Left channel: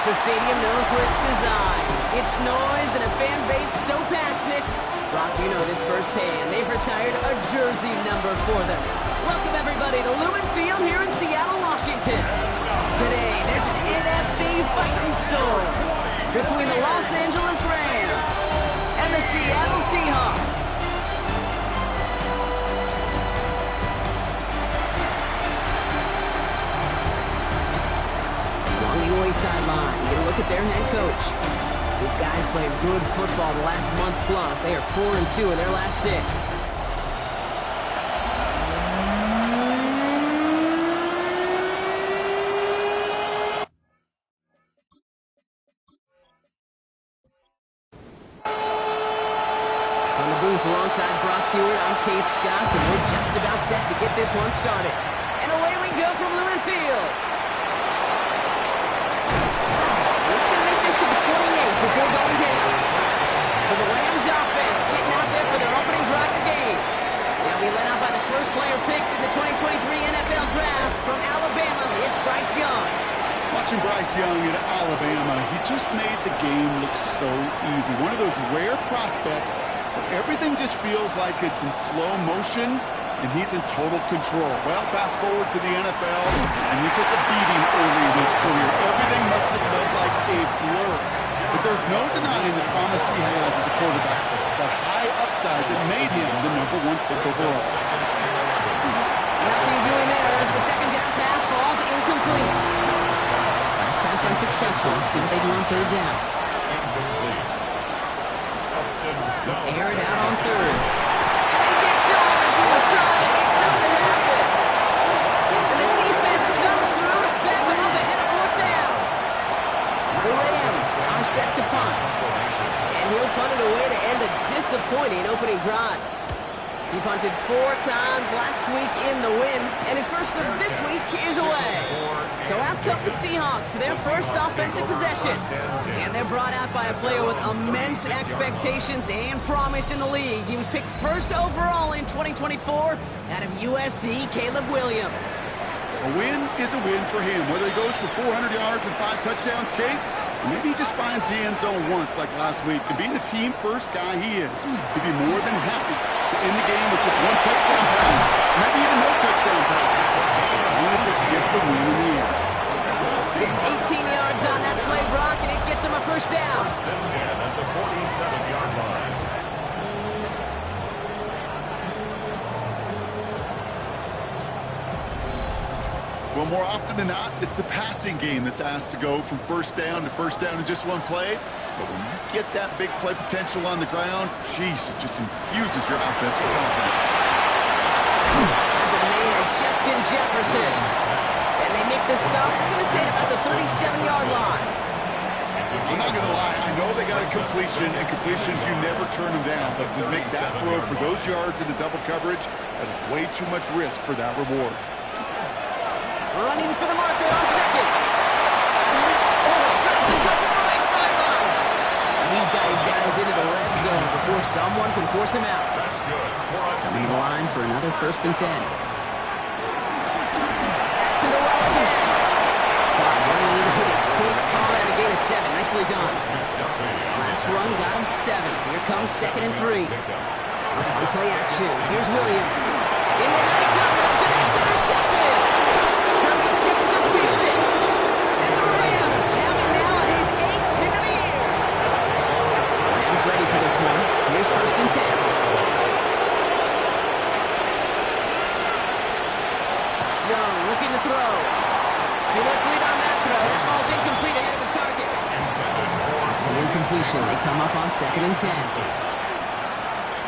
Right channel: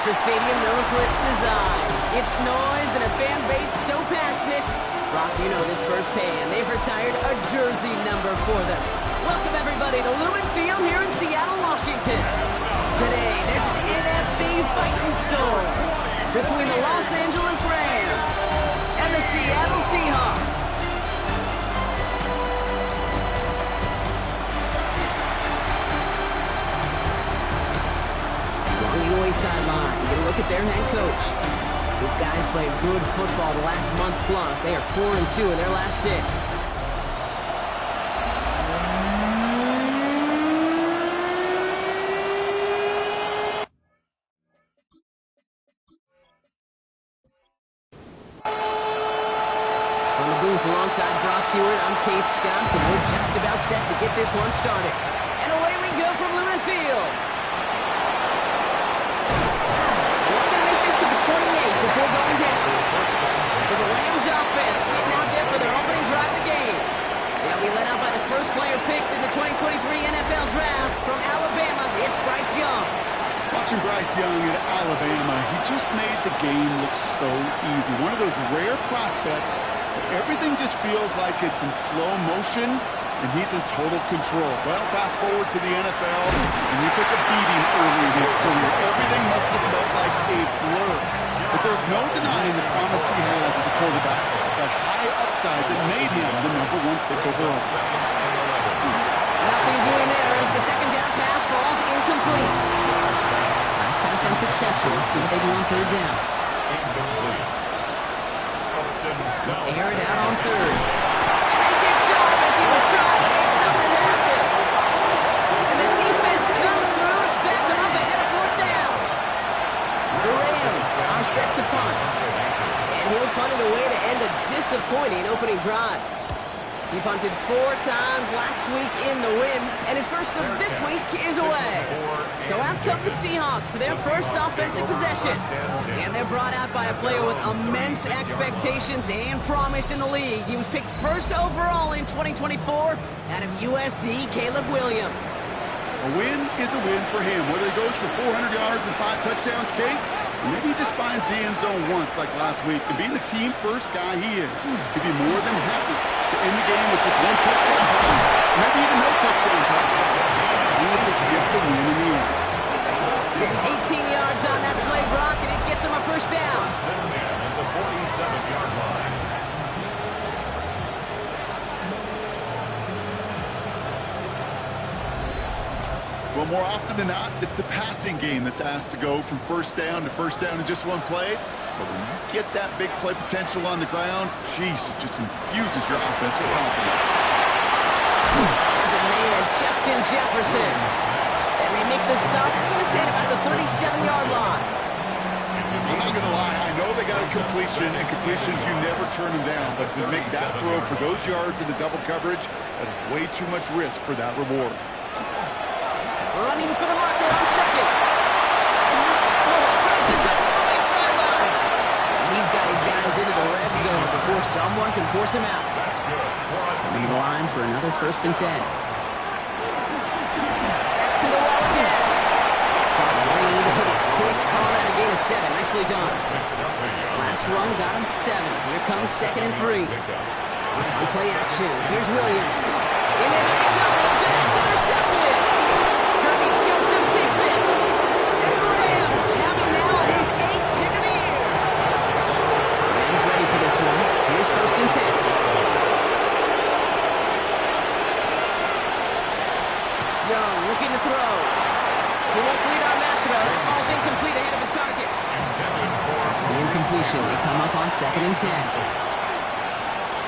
It's a stadium known for its design, its noise, and a fan base so passionate. Brock, you know this firsthand. They've retired a jersey number for them. Welcome, everybody, to Lumen Field here in Seattle, Washington. Today, there's an NFC fighting storm between the Los Angeles Rams and the Seattle Seahawks. On the away sideline, you get a look at their head coach. These guys played good football the last month plus. They are 4-2 in their last 6. On the booth alongside Brock Hewitt, I'm Keith Scott, and we're just about set to get this one started. And away we go from Lumen Field. To the 28 before going down. For the Rams offense, getting out there for their opening drive of the game. They'll be led out by the first player picked in the 2023 NFL Draft from Alabama. It's Bryce Young. Watching Bryce Young at Alabama, he just made the game look so easy. One of those rare prospects where everything just feels like it's in slow motion, and he's in total control. Well, fast forward to the NFL, and he took a beating early in his career. Everything must have felt like a blur. But there's no denying the promise he has as a quarterback, that high upside that made him the #1 pick overall. Nothing doing there as the second down pass falls incomplete. Last pass unsuccessful. Let's see what they do on third down. Air it out on third. As he was trying to make something happen. And the defense comes through to back him up ahead of fourth down. The Rams are set to punt. And he'll punt it away to end a disappointing opening drive. He punted 4 times last week in the win, and his first of this week is away. So out come the Seahawks for their first offensive possession. And they're brought out by a player with immense expectations and promise in the league. He was picked first overall in 2024 out of USC, Caleb Williams. A win is a win for him, whether he goes for 400 yards and 5 touchdowns, Kate, or maybe he just finds the end zone once like last week. And being the team first guy he is, he'd be more than happy to end the game with just 1 touchdown pass, maybe even no touchdown passes, as long as they get the win in the end. 18 yards on that play, Brock, and it gets him a first down. First and 10 at the 47-yard line. Well, more often than not, it's the passing game that's asked to go from first down in just 1 play. But when you get that big play potential on the ground, geez, it just infuses your offense with confidence. As a man, Justin Jefferson. And they make the stop, I'm going to say, at about the 37-yard line. I'm not going to lie, I know they got a completion, and completions, you never turn them down. But to make that throw for those yards in the double coverage, that is way too much risk for that reward. Running for the marker on second. Johnson cuts to the right sideline. He's got his guys into the red zone before someone can force him out. That's good. Coming to the line for another first and 10. Back to the well again. Saw Wayne hit it quick. Call that a gain of 7. Nicely done. Last run got him 7. Here comes 2nd and 3. On play action. Here's Williams. In the heavy coverage, and that's intercepted. Joseph picks it. And the Rams have him now on his 8th pick of the year. Rams ready for this one. Here's first and 10. Young looking to throw. Too much lead on that throw. That ball's incomplete ahead of his target. The incompletion. They come up on 2nd and 10.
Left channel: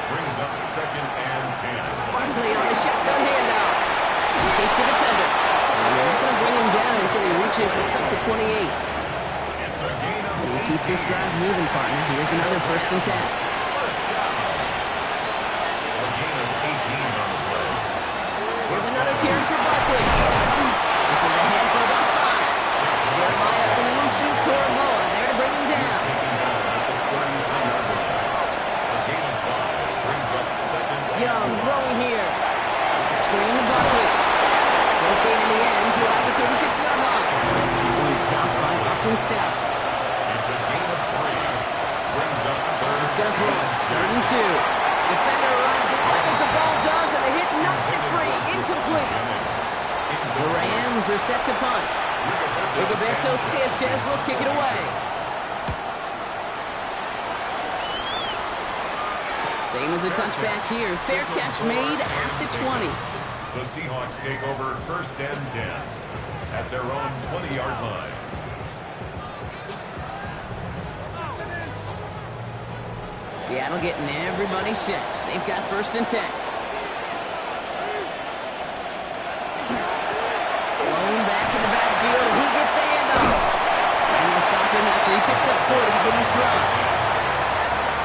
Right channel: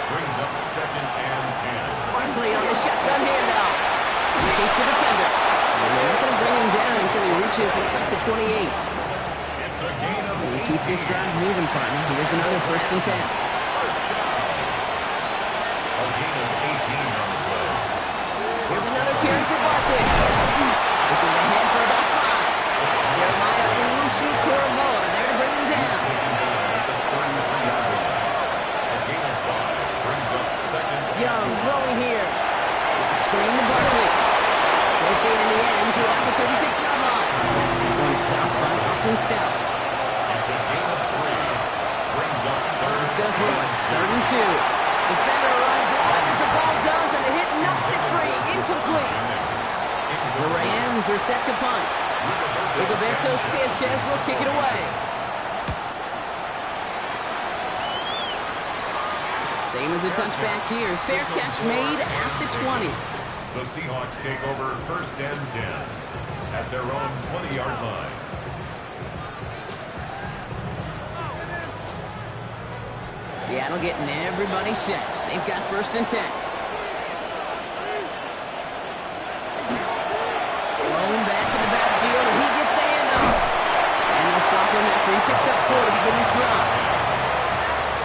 Brings up 2nd and 10. Barkley on the shotgun handoff. Escapes the defender. And they're not going to bring him down until he reaches, looks like the 28. It's a gain of 18. You keep this drive moving, partner. Here's another first and 10. First down. A gain of 18 on the play. Here's another carry for Barkley. This is ahead for about 5. Jeremiah Owusu-Koramoah there to bring him down. Taken down at the 33-yard line. A gain of 5 brings up 2nd and Young throwing here. It's a screen to Barkley. Short gain in the end to about the 36-yard line. One stopped by Upton Stout. It's a gain of 3. Brings up third. He's going to throw it. 3rd and 2. Defender arrives right as the ball does, and the hit knocks it free. Incomplete. The Rams are set to punt. Rigoberto Sanchez will kick it away. Same as the touchback here. Fair catch made at the 20. The Seahawks take over 1st and 10 at their own 20-yard line. Seattle getting everybody set. They've got 1st and 10. Blown back in the backfield, and he gets the handoff. And they'll stop him after he picks up 4 to begin his drive.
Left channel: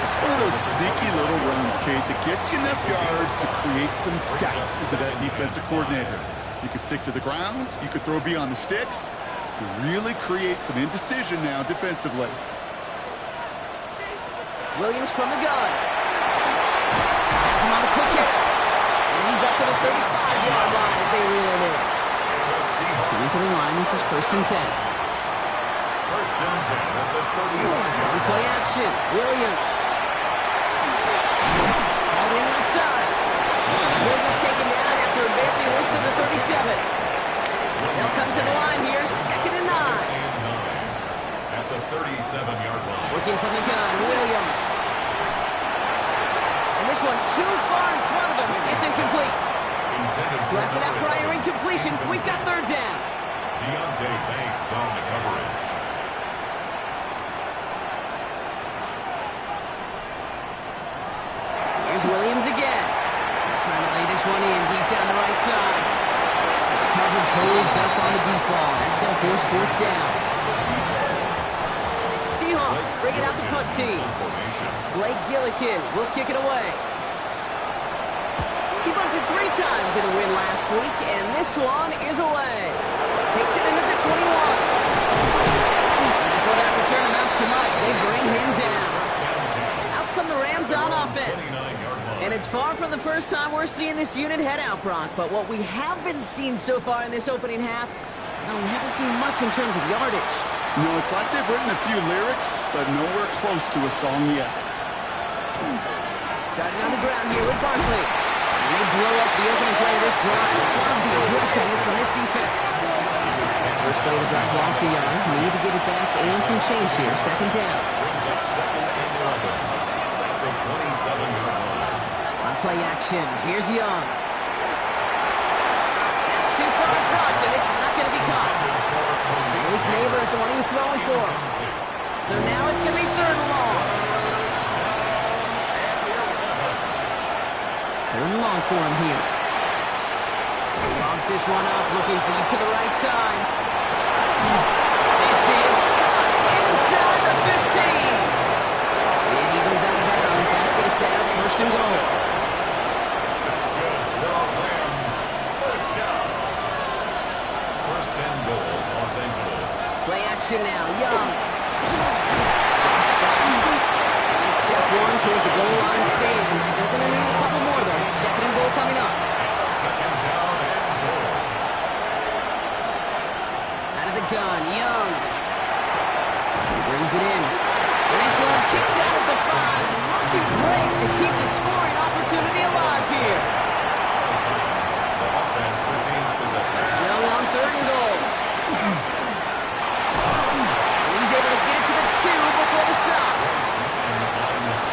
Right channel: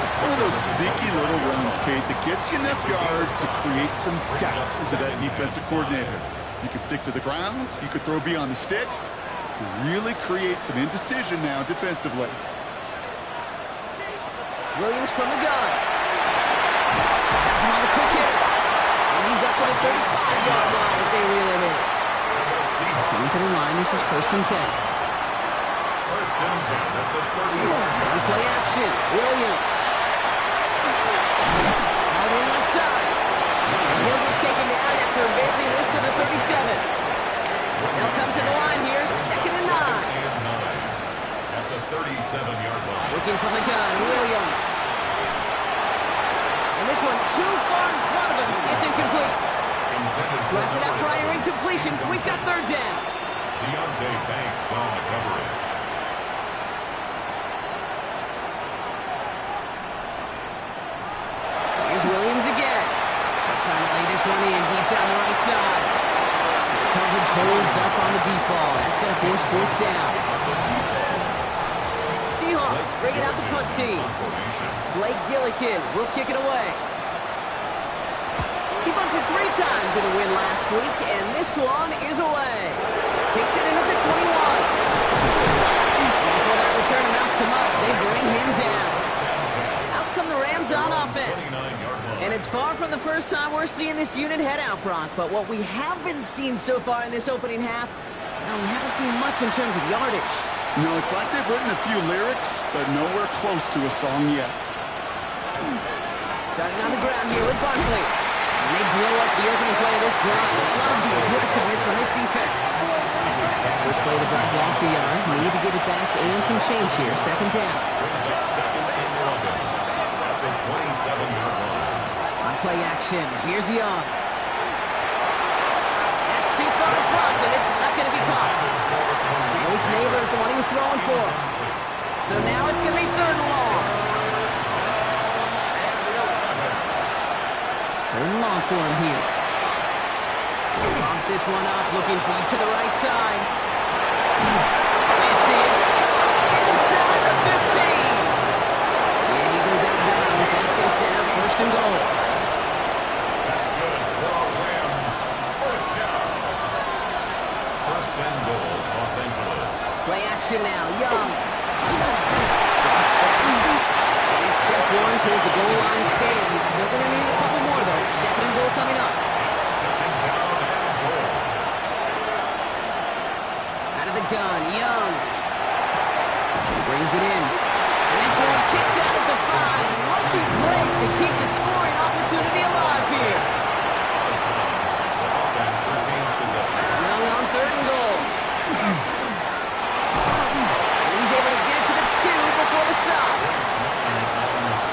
It's one of those sneaky little runs, Kate, that gets you enough yards to create some doubt into that defensive coordinator. You could stick to the ground. You could throw beyond the sticks. You really create some indecision now defensively. Williams from the gun. Has him on the quick hitter. And he's up to the 35-yard line as they reel him in. Coming to the line, this is 1st and 10. 1st and 10 at the 30-yard line. On play action, Williams. All in left side. And he'll get taken down after advancing this to the 37. They'll come to the line here, 2nd and 9. At the 37-yard line. Working from the gun, Williams. And this one too far in front of him. It's incomplete. So after that prior incompletion, we've got 3rd down. Deontay Banks on the coverage. Here's Williams again. He's trying to lay this one in deep down the right side. The coverage holds up on the deep ball. That's going to force 4th down. Seahawks bring it out the punt team. Blake Gillikin will kick it away. He bunted 3 times in the win last week, and this one is away. Takes it in at the 21. Before that return amounts to much, they bring him down. Out come the Rams on offense. And it's far from the first time we're seeing this unit head out, Brock, but what we haven't seen so far in this opening half, well, we haven't seen much in terms of yardage. No, it's like they've written a few lyrics, but nowhere close to a song yet. Starting on the ground here with Barkley. And they blow up the opening play of this drive. Love the aggressiveness from this defense. First play of the drive lost a yard. Need to get it back and some change here. 2nd down. Brings up 2nd and 11 at the 27-yard line. On play action, here's Young. That's too far in front, and it's not going to be caught. Malik Neighbors, the one he was throwing for. So now it's going to be 3rd and long. 3rd and long for him here. Lobs this one up, looking deep to the right side. This is caught inside the 15. And he goes out of bounds. That's going to set up 1st and goal. That's good for Rams. 1st down. 1st and goal, Los Angeles. Play action now. Young. Drops back. And it's step 1 towards the goal line stand. Still going to need a couple more, though. 2nd and goal coming up. It's 2nd down and goal. Out of the gun. Young. He brings it in. And this one kicks out at the 5. Lucky break that keeps a scoring opportunity alive here. The offense retains possession. Young on 3rd and goal. And he's able to get it to the 2 before the stop.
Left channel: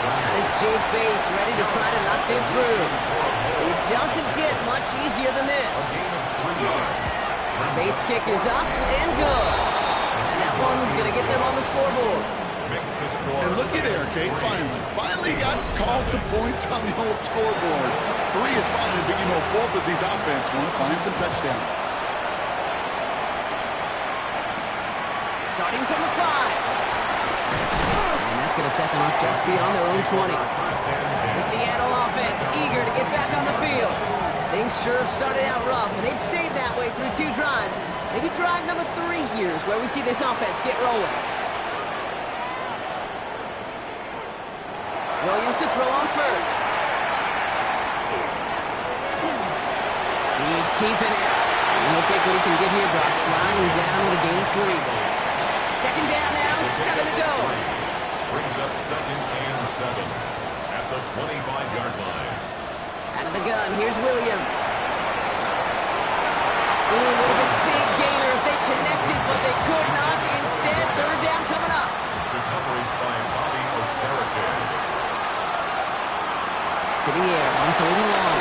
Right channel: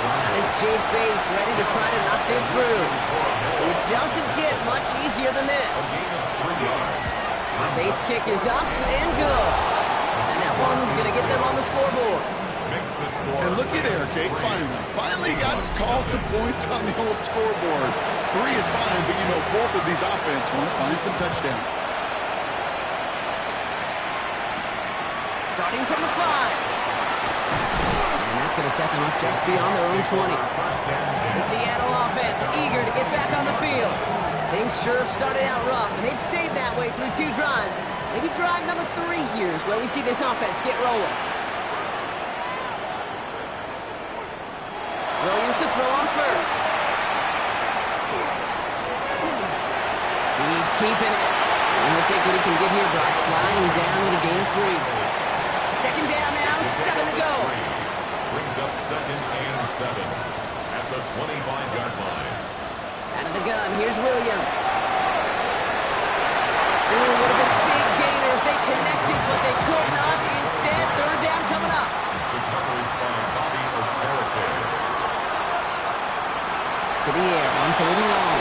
That is Jake Bates ready to try to knock this through. It doesn't get much easier than this. Bates' kick is up and good. And that one's going to get them on the scoreboard. And looky there, Kate, finally got to call some points on the old scoreboard. 3 is fine, but you know both of these offense want to find some touchdowns. Starting from the 5. And that's going to set them up just beyond their own 20. The Seattle offense eager to get back on the field. Things sure have started out rough, and they've stayed that way through 2 drives. Maybe drive number 3 here is where we see this offense get rolling. Williams to throw on first. He's keeping it. And he'll take what he can get here, Brock. Sliding down with a gain of 3. Second down now, 7 to go. Brings up 2nd and 7 at the 25-yard line. Out of the gun, here's Williams. Ooh, would have been a big gainer if they connected, but they could not. Instead, third down coming up. The coverage by Bobby Okereke. To the air on 3rd and long.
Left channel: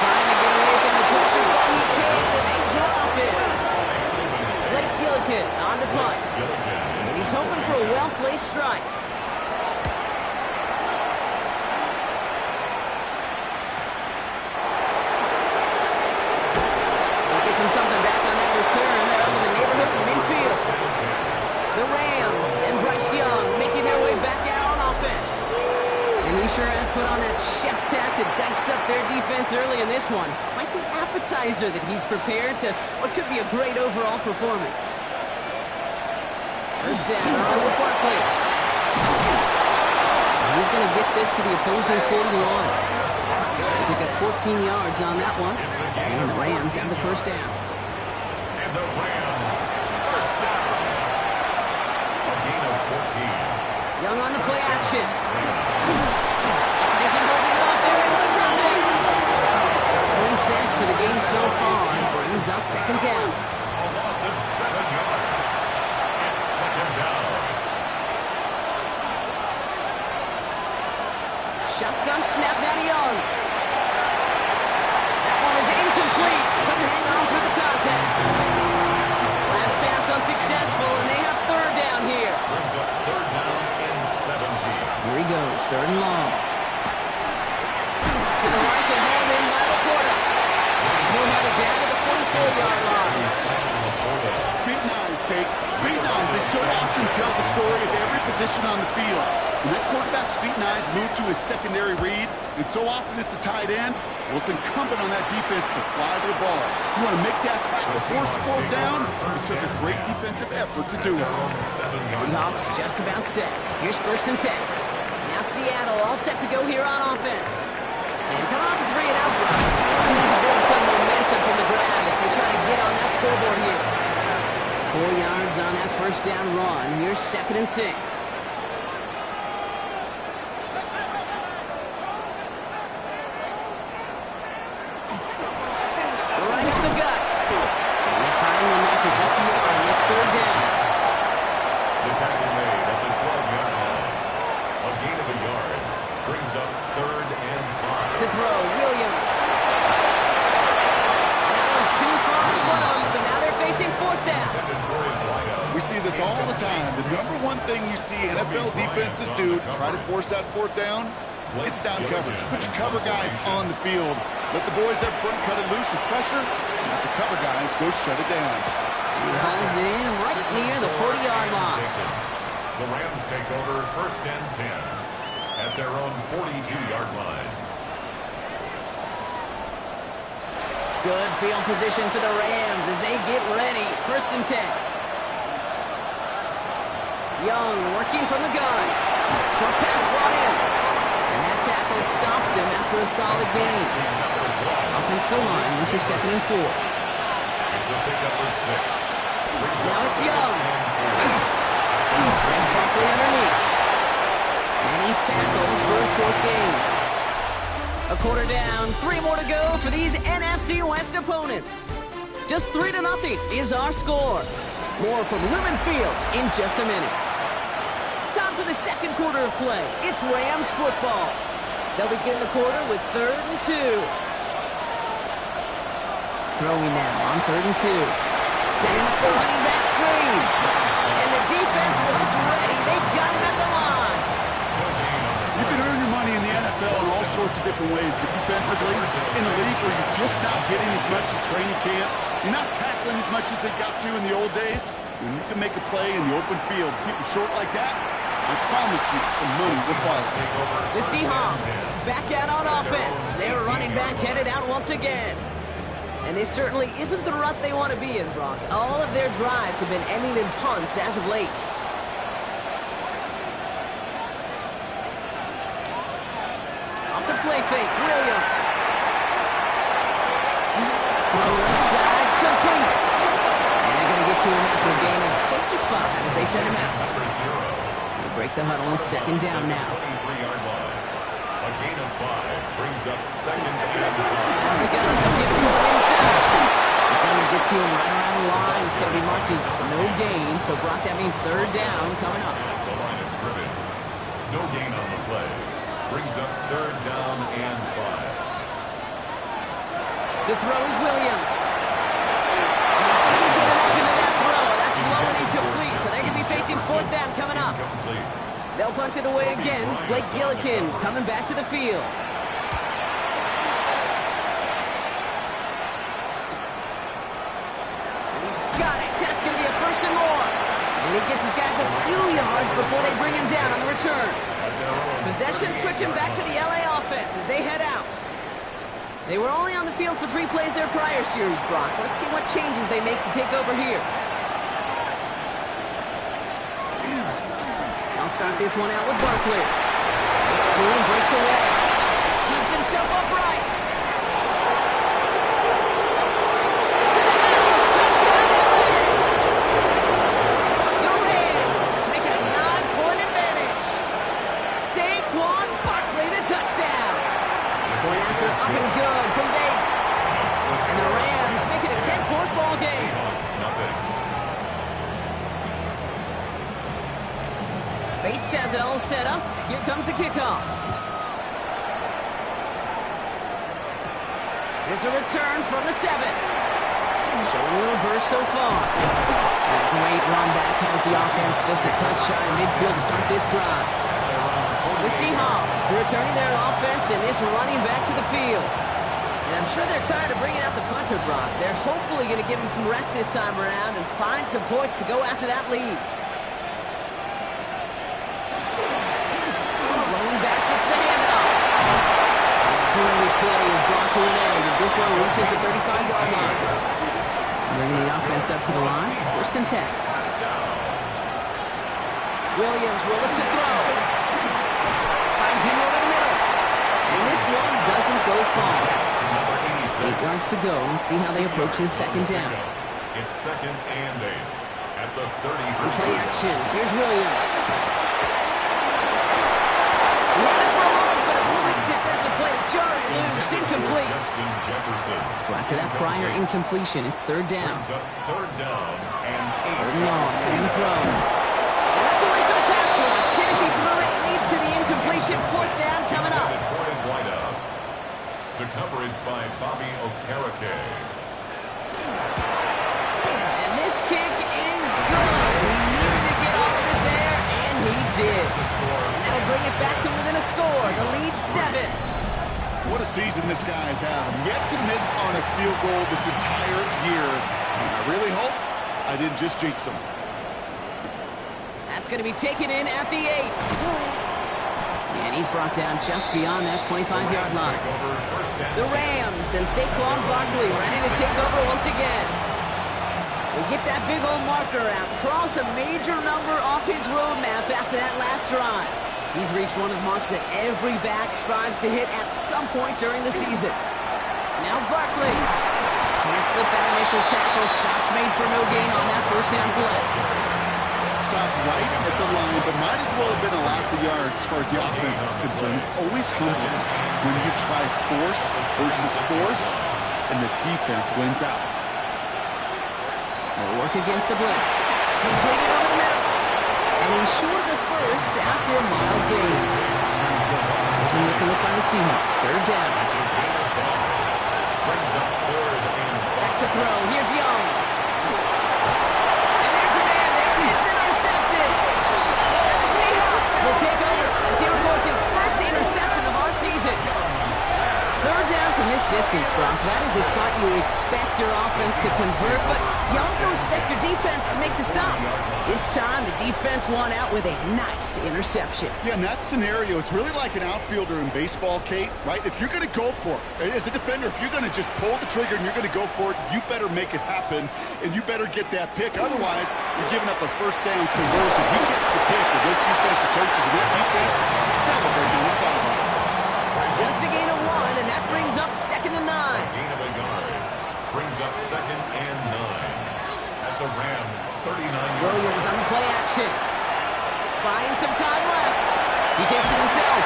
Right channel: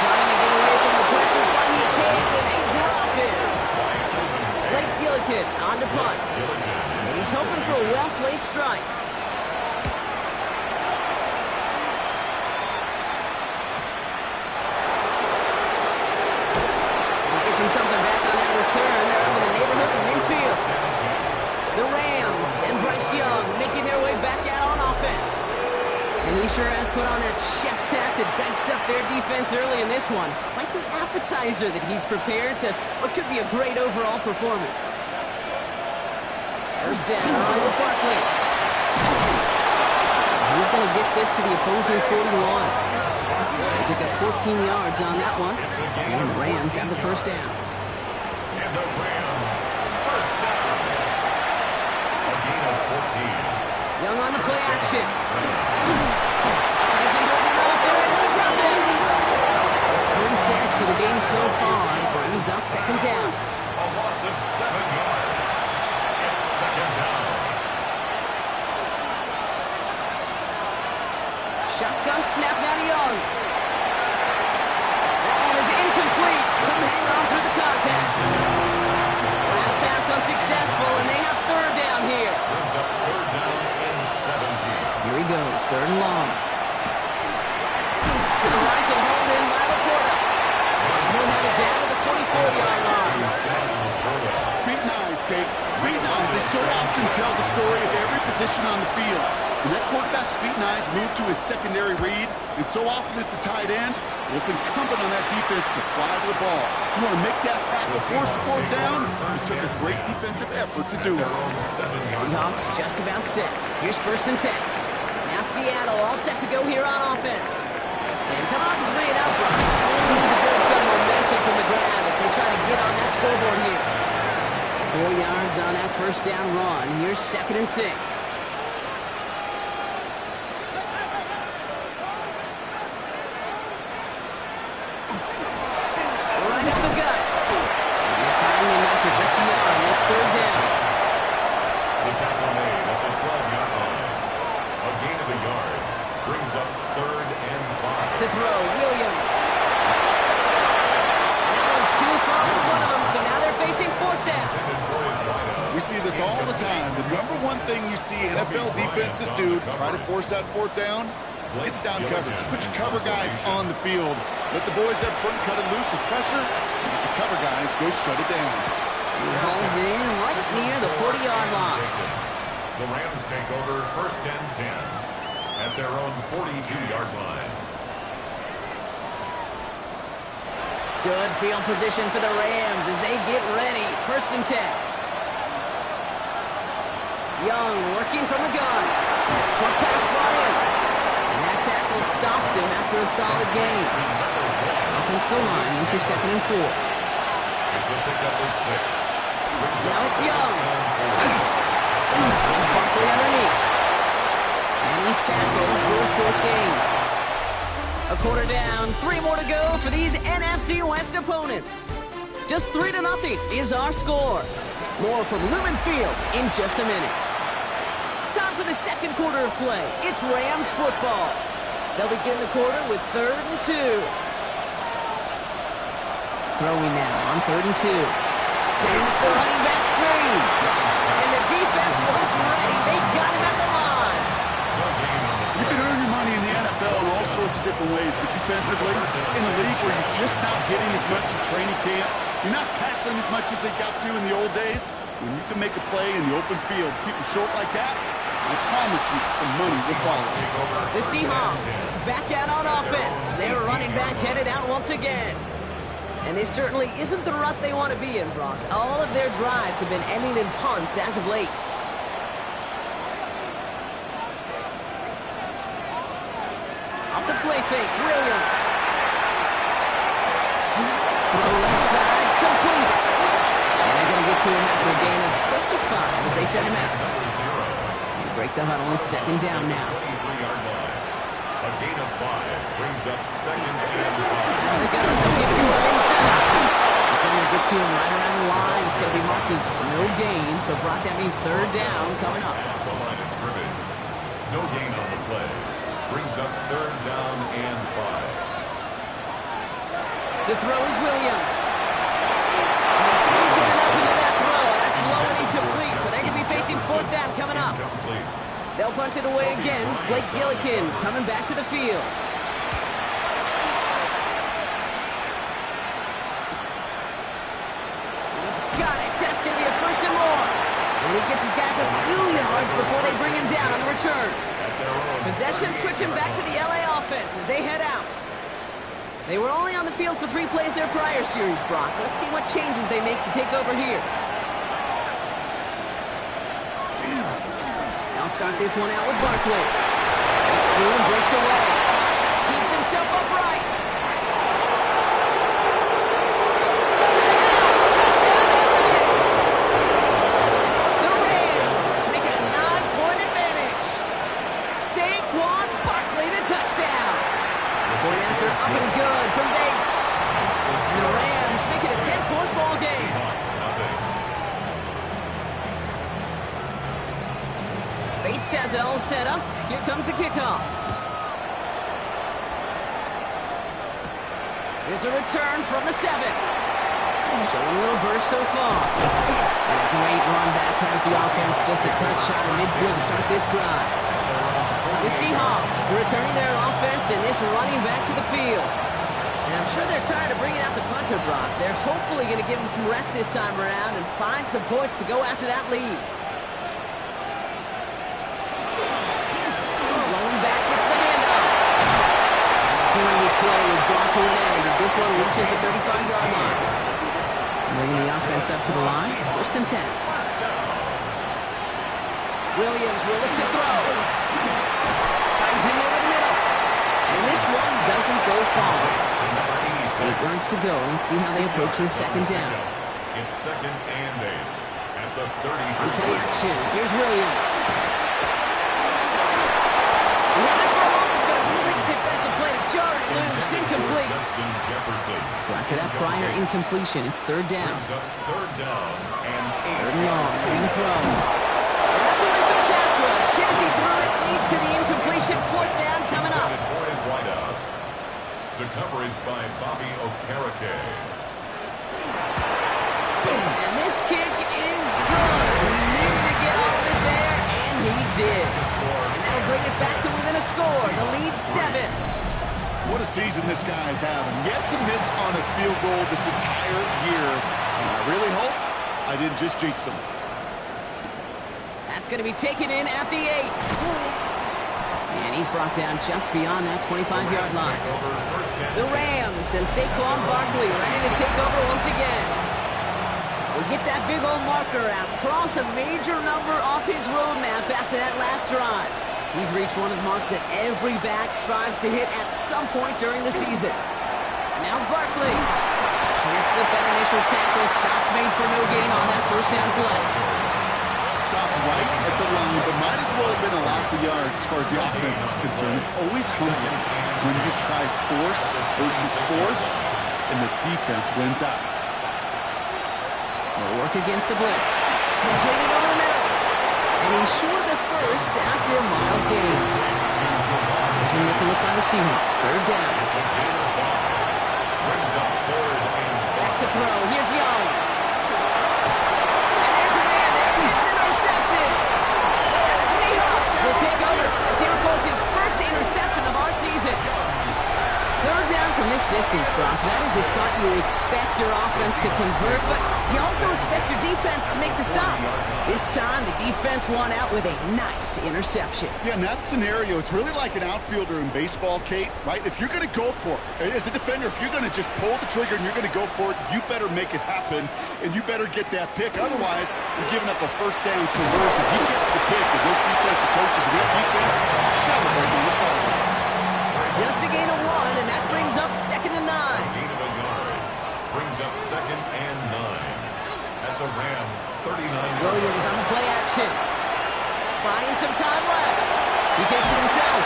Trying to get away from the pressure, but he can't, and they drop it. Blake Gillikin on to punt. And he's hoping for a well-placed strike. Gets him something back on that return. They're up in the neighborhood of midfield. The Rams and Bryce Young making their way back out on offense. And he sure has put on that chef's hat to dice up their defense early in this one. Quite the appetizer that he's prepared to what could be a great overall performance. First down with Barkley. He's going to get this to the opposing 41. They pick up 14 yards on that one. And the Rams have the first down. And the Rams, first down. A gain of 14. Young on the play action. Isn't holding up. They're able to drop it. It's 3 sacks for the game so far. Brings up second down. A loss of 7 yards. It's second down. Shotgun snap now to Young. That one is incomplete. Couldn't hang on through the contact. Last pass unsuccessful, and they have third down here. Brings up third down and 17. Here he goes, 3rd and long. To the right and hauled in by Laporta. And he'll have it down to the 44-yard line. Feet and eyes, Kate. Feet and eyes. They so often tell the story of every position on the field. When that quarterback's feet and eyes move to his secondary read, and so often it's a tight end, well, it's incumbent on that defense to fly to the ball. You want to make that tackle, force the fourth down. It took a great defensive effort to do it. Seahawks just about set. Here's 1st and 10. Now Seattle all set to go here on offense. And coming off a 3-and-out run, they need to build some momentum from the ground as they try to get on that scoreboard here. 4 yards on that first down run. Here's 2nd and 6. Right up the gut. And they find him after just a yard. And it's third down. The tackle made at the 12-yard line. A gain of a yard. Brings up 3rd and 5. To throw, Williams. And that one's too far in front of them, so now they're facing 4th down. We see this all the time. The number one thing you see NFL defenses do to try to force that 4th down, it's down coverage. Put your cover guys on the field. Let the boys up front cut it loose with pressure, and let the cover guys go shut it down. And he hauls it in right near the 40-yard line. The Rams take over 1st and 10 at their own 42-yard line. Good field position for the Rams as they get ready. 1st and 10. Young working from the gun. Short pass brought in. And that tackle stops him after a solid gain. Offensive line, this is 2nd and 4. It's a pickup of 6. Now it's Young. It's Barkley underneath. And he's tackled for a short gain. A quarter down, 3 more to go for these NFC West opponents. Just 3-0 is our score. More from Lumen Field in just a minute. Time for the second quarter of play. It's Rams football. They'll begin the quarter with 3rd and 2. Throwing now on 3rd and 2. Setting up the running back screen. And the defense was ready. They got him at the line. You can earn your money in the NFL in all sorts of different ways, but defensively, in a league where you're just not hitting as much in training camp, you're not tackling as much as they got to in the old days, when you can make a play in the open field, keep them short like that, I promise you some money will follow. The Seahawks back out on offense. Their running back headed out once again. And this certainly isn't the rut they want to be in, Brock. All of their drives have been ending in punts as of late. Off the play fake, Williams. Throw left side, complete. And they're going to get to him after a gain of close to 5 as they send him out. They break the huddle. It's second down now. 23-yard line. A gain of 5 brings up second and 5. They'll give it to him inside. Defender gets to him right around the line. It's going to be marked as no gain. So, Brock, that means third down coming up. At the line of scrimmage. No gain on the play. Brings up third down and 5. To throw is Williams. He didn't get it up into that throw. That's low and incomplete. So they're going to be facing fourth down coming up. They'll punch it away again. Blake Gillikin coming back to the field. He's got it. That's going to be a first and more. And he gets his guys a few yards before they bring him down on the return. Possession switching back to the LA offense as they head out. They were only on the field for 3 plays their prior series, Brock. Let's see what changes they make to take over here. They'll start this one out with Barkley. Breaks through and breaks away. Keeps himself upright. To the house. Touchdown, LA. The Rams make it a 9-point advantage. Saquon Barkley, the touchdown. Point after up and good from Bates. And the Rams make it a 10-point ball game. Seahawks, nothing. Bates has it all set up. Here comes the kickoff. Here's a return from the 7. Showing a little burst so far. And a great run back has the offense just a touch shy of midfield to start this drive. The Seahawks returning their offense and this running back to the field. And I'm sure they're tired of bringing out the punter, Brock. They're hopefully going to give him some rest this time around and find some points to go after that lead. Lone back gets the handoff. Great play is brought to an end as this one reaches the 35-yard line. Bringing the offense up to the line. First and 10. Williams will look to throw. Finds him over the middle. And this one doesn't go far. 8 yards to go. Let's see how they approach this second down. It's second and 8 at the 30. On play action, here's Williams. He had it for a moment, but a great defensive play to jar it loose. Incomplete. So after that prior incompletion, it's third down. Third down and 8. Third and long. They're going to throw. And that's a win for the pass rush. Hit as he threw it, leads to the incompletion. Fourth down coming up. For his wideout. The coverage by Bobby Okereke. And this kick is good. He needed to get all of it there, and he did. And that'll bring it back to within a score. The lead 7. What a season this guy's having. Yet to miss on a field goal this entire year. And I really hope I didn't just jinx him. That's going to be taken in at the 8. And he's brought down just beyond that 25-yard line. The Rams and Saquon Barkley ready to take over once again. They get that big old marker out, cross a major number off his roadmap after that last drive. He's reached one of the marks that every back strives to hit at some point during the season. Now Barkley can't slip that initial tackle. Stops made for no gain on that first down play. Stopped right at the line, but might as well have been a loss of yards as far as the offense is concerned. It's always humbling when you try force versus force, and the defense wins out. They'll work against the blitz. Completed over the middle. And he's short of the first after a mild gain. There's a nickel look by the Seahawks. Third down. Brings up third and 5. Back to throw. Here's Young. And there's a man there. It's intercepted. And the Seahawks will take over as he records his first interception of our season. Third down from this distance, Brock. That is a spot you expect your offense to convert, but you also expect your defense to make the stop. This time, the defense won out with a nice interception. Yeah, in that scenario, it's really like an outfielder in baseball, Kate, right? If you're going to go for it, as a defender, if you're going to just pull the trigger and you're going to go for it, you better make it happen, and you better get that pick. Otherwise, you're giving up a first down conversion. He gets the pick, and those defensive coaches and that defense celebrating on the sidelines. Just a gain of 1, and that brings up second and 9. Gain of a yard. brings up 2nd and 9 at the Rams' 39-yard line. Williams on the play action. Buying some time left. He takes it himself.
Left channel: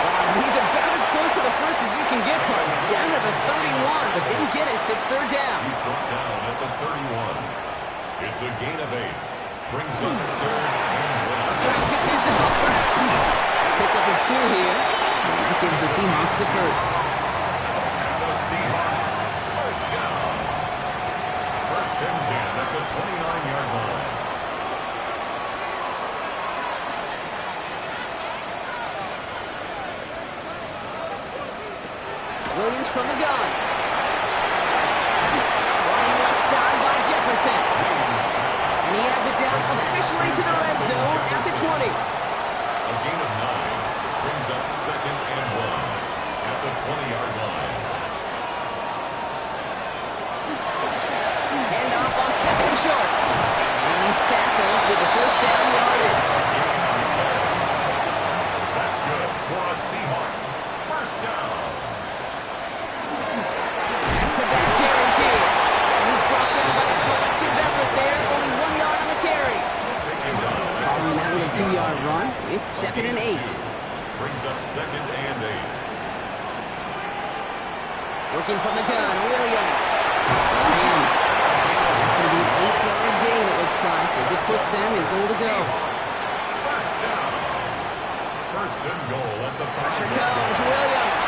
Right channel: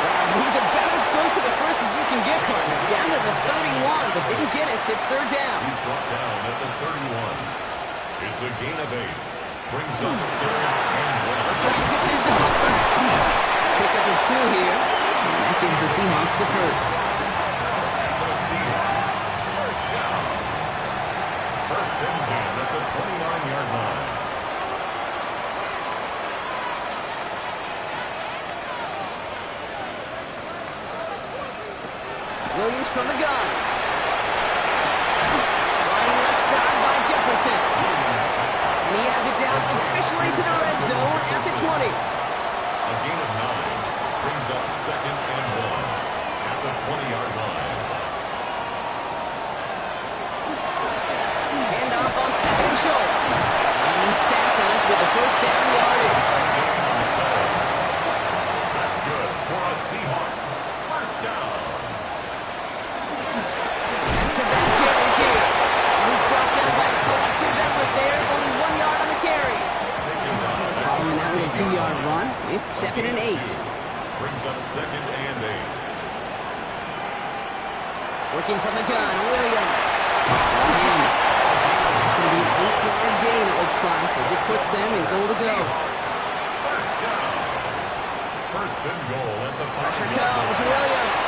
Wow, he's about as close to the first as you can get, partner. Down to the 31, but didn't get it. It's 3rd down. He's brought down at the 31. It's a gain of 8. Brings up 3rd and 1. Looks like a good distance on the ground. Pick up of 2 here, and that gives the Seahawks the first. And the Seahawks, first down. 1st and 10 at the 29-yard line. Williams from the gun. Running left side by Jefferson. And he has it down officially to the red zone at the 20. A gain of 9 brings up 2nd and 1 at the 20-yard line. Hand off on 2nd and short. And he's tackled with the first down yardage. That's good for a Seahawks. First down. Back-to-back carries here. And he's brought down by a collective effort there. Only 1 yard on the carry. Following that little 2-yard run, it's 2nd and 8. Brings up 2nd and 8. Working from the gun, Williams. And that's going to be an 8-yard gain, it looks like, as it puts them in goal to go. First down. 1st and goal at the 5. Pressure comes, Williams.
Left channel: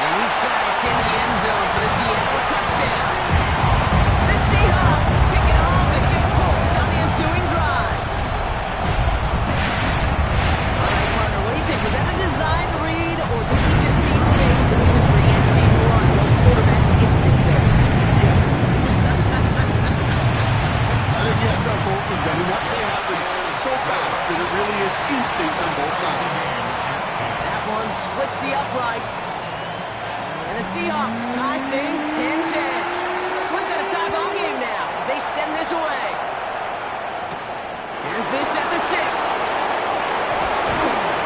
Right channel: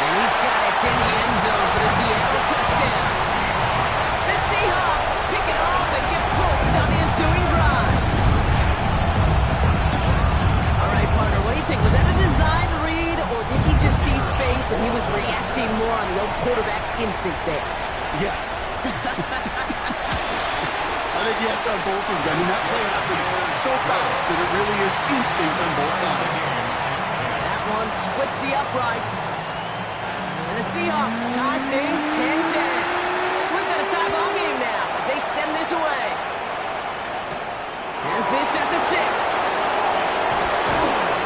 And he's got it in the end zone for the Seattle touchdown. The Seahawks pick it off and get points on the ensuing drive. All right, partner, what do you think? Was that a design read, or did he just see space and he was reacting more on the old quarterback instinct there? Yes. I think yes on both of them. I mean, that play happens so fast that it really is instincts on both sides. That one splits the uprights. And the Seahawks tie things 10-10. So we've got a tie ball game now as they send this away. Has this at the 6.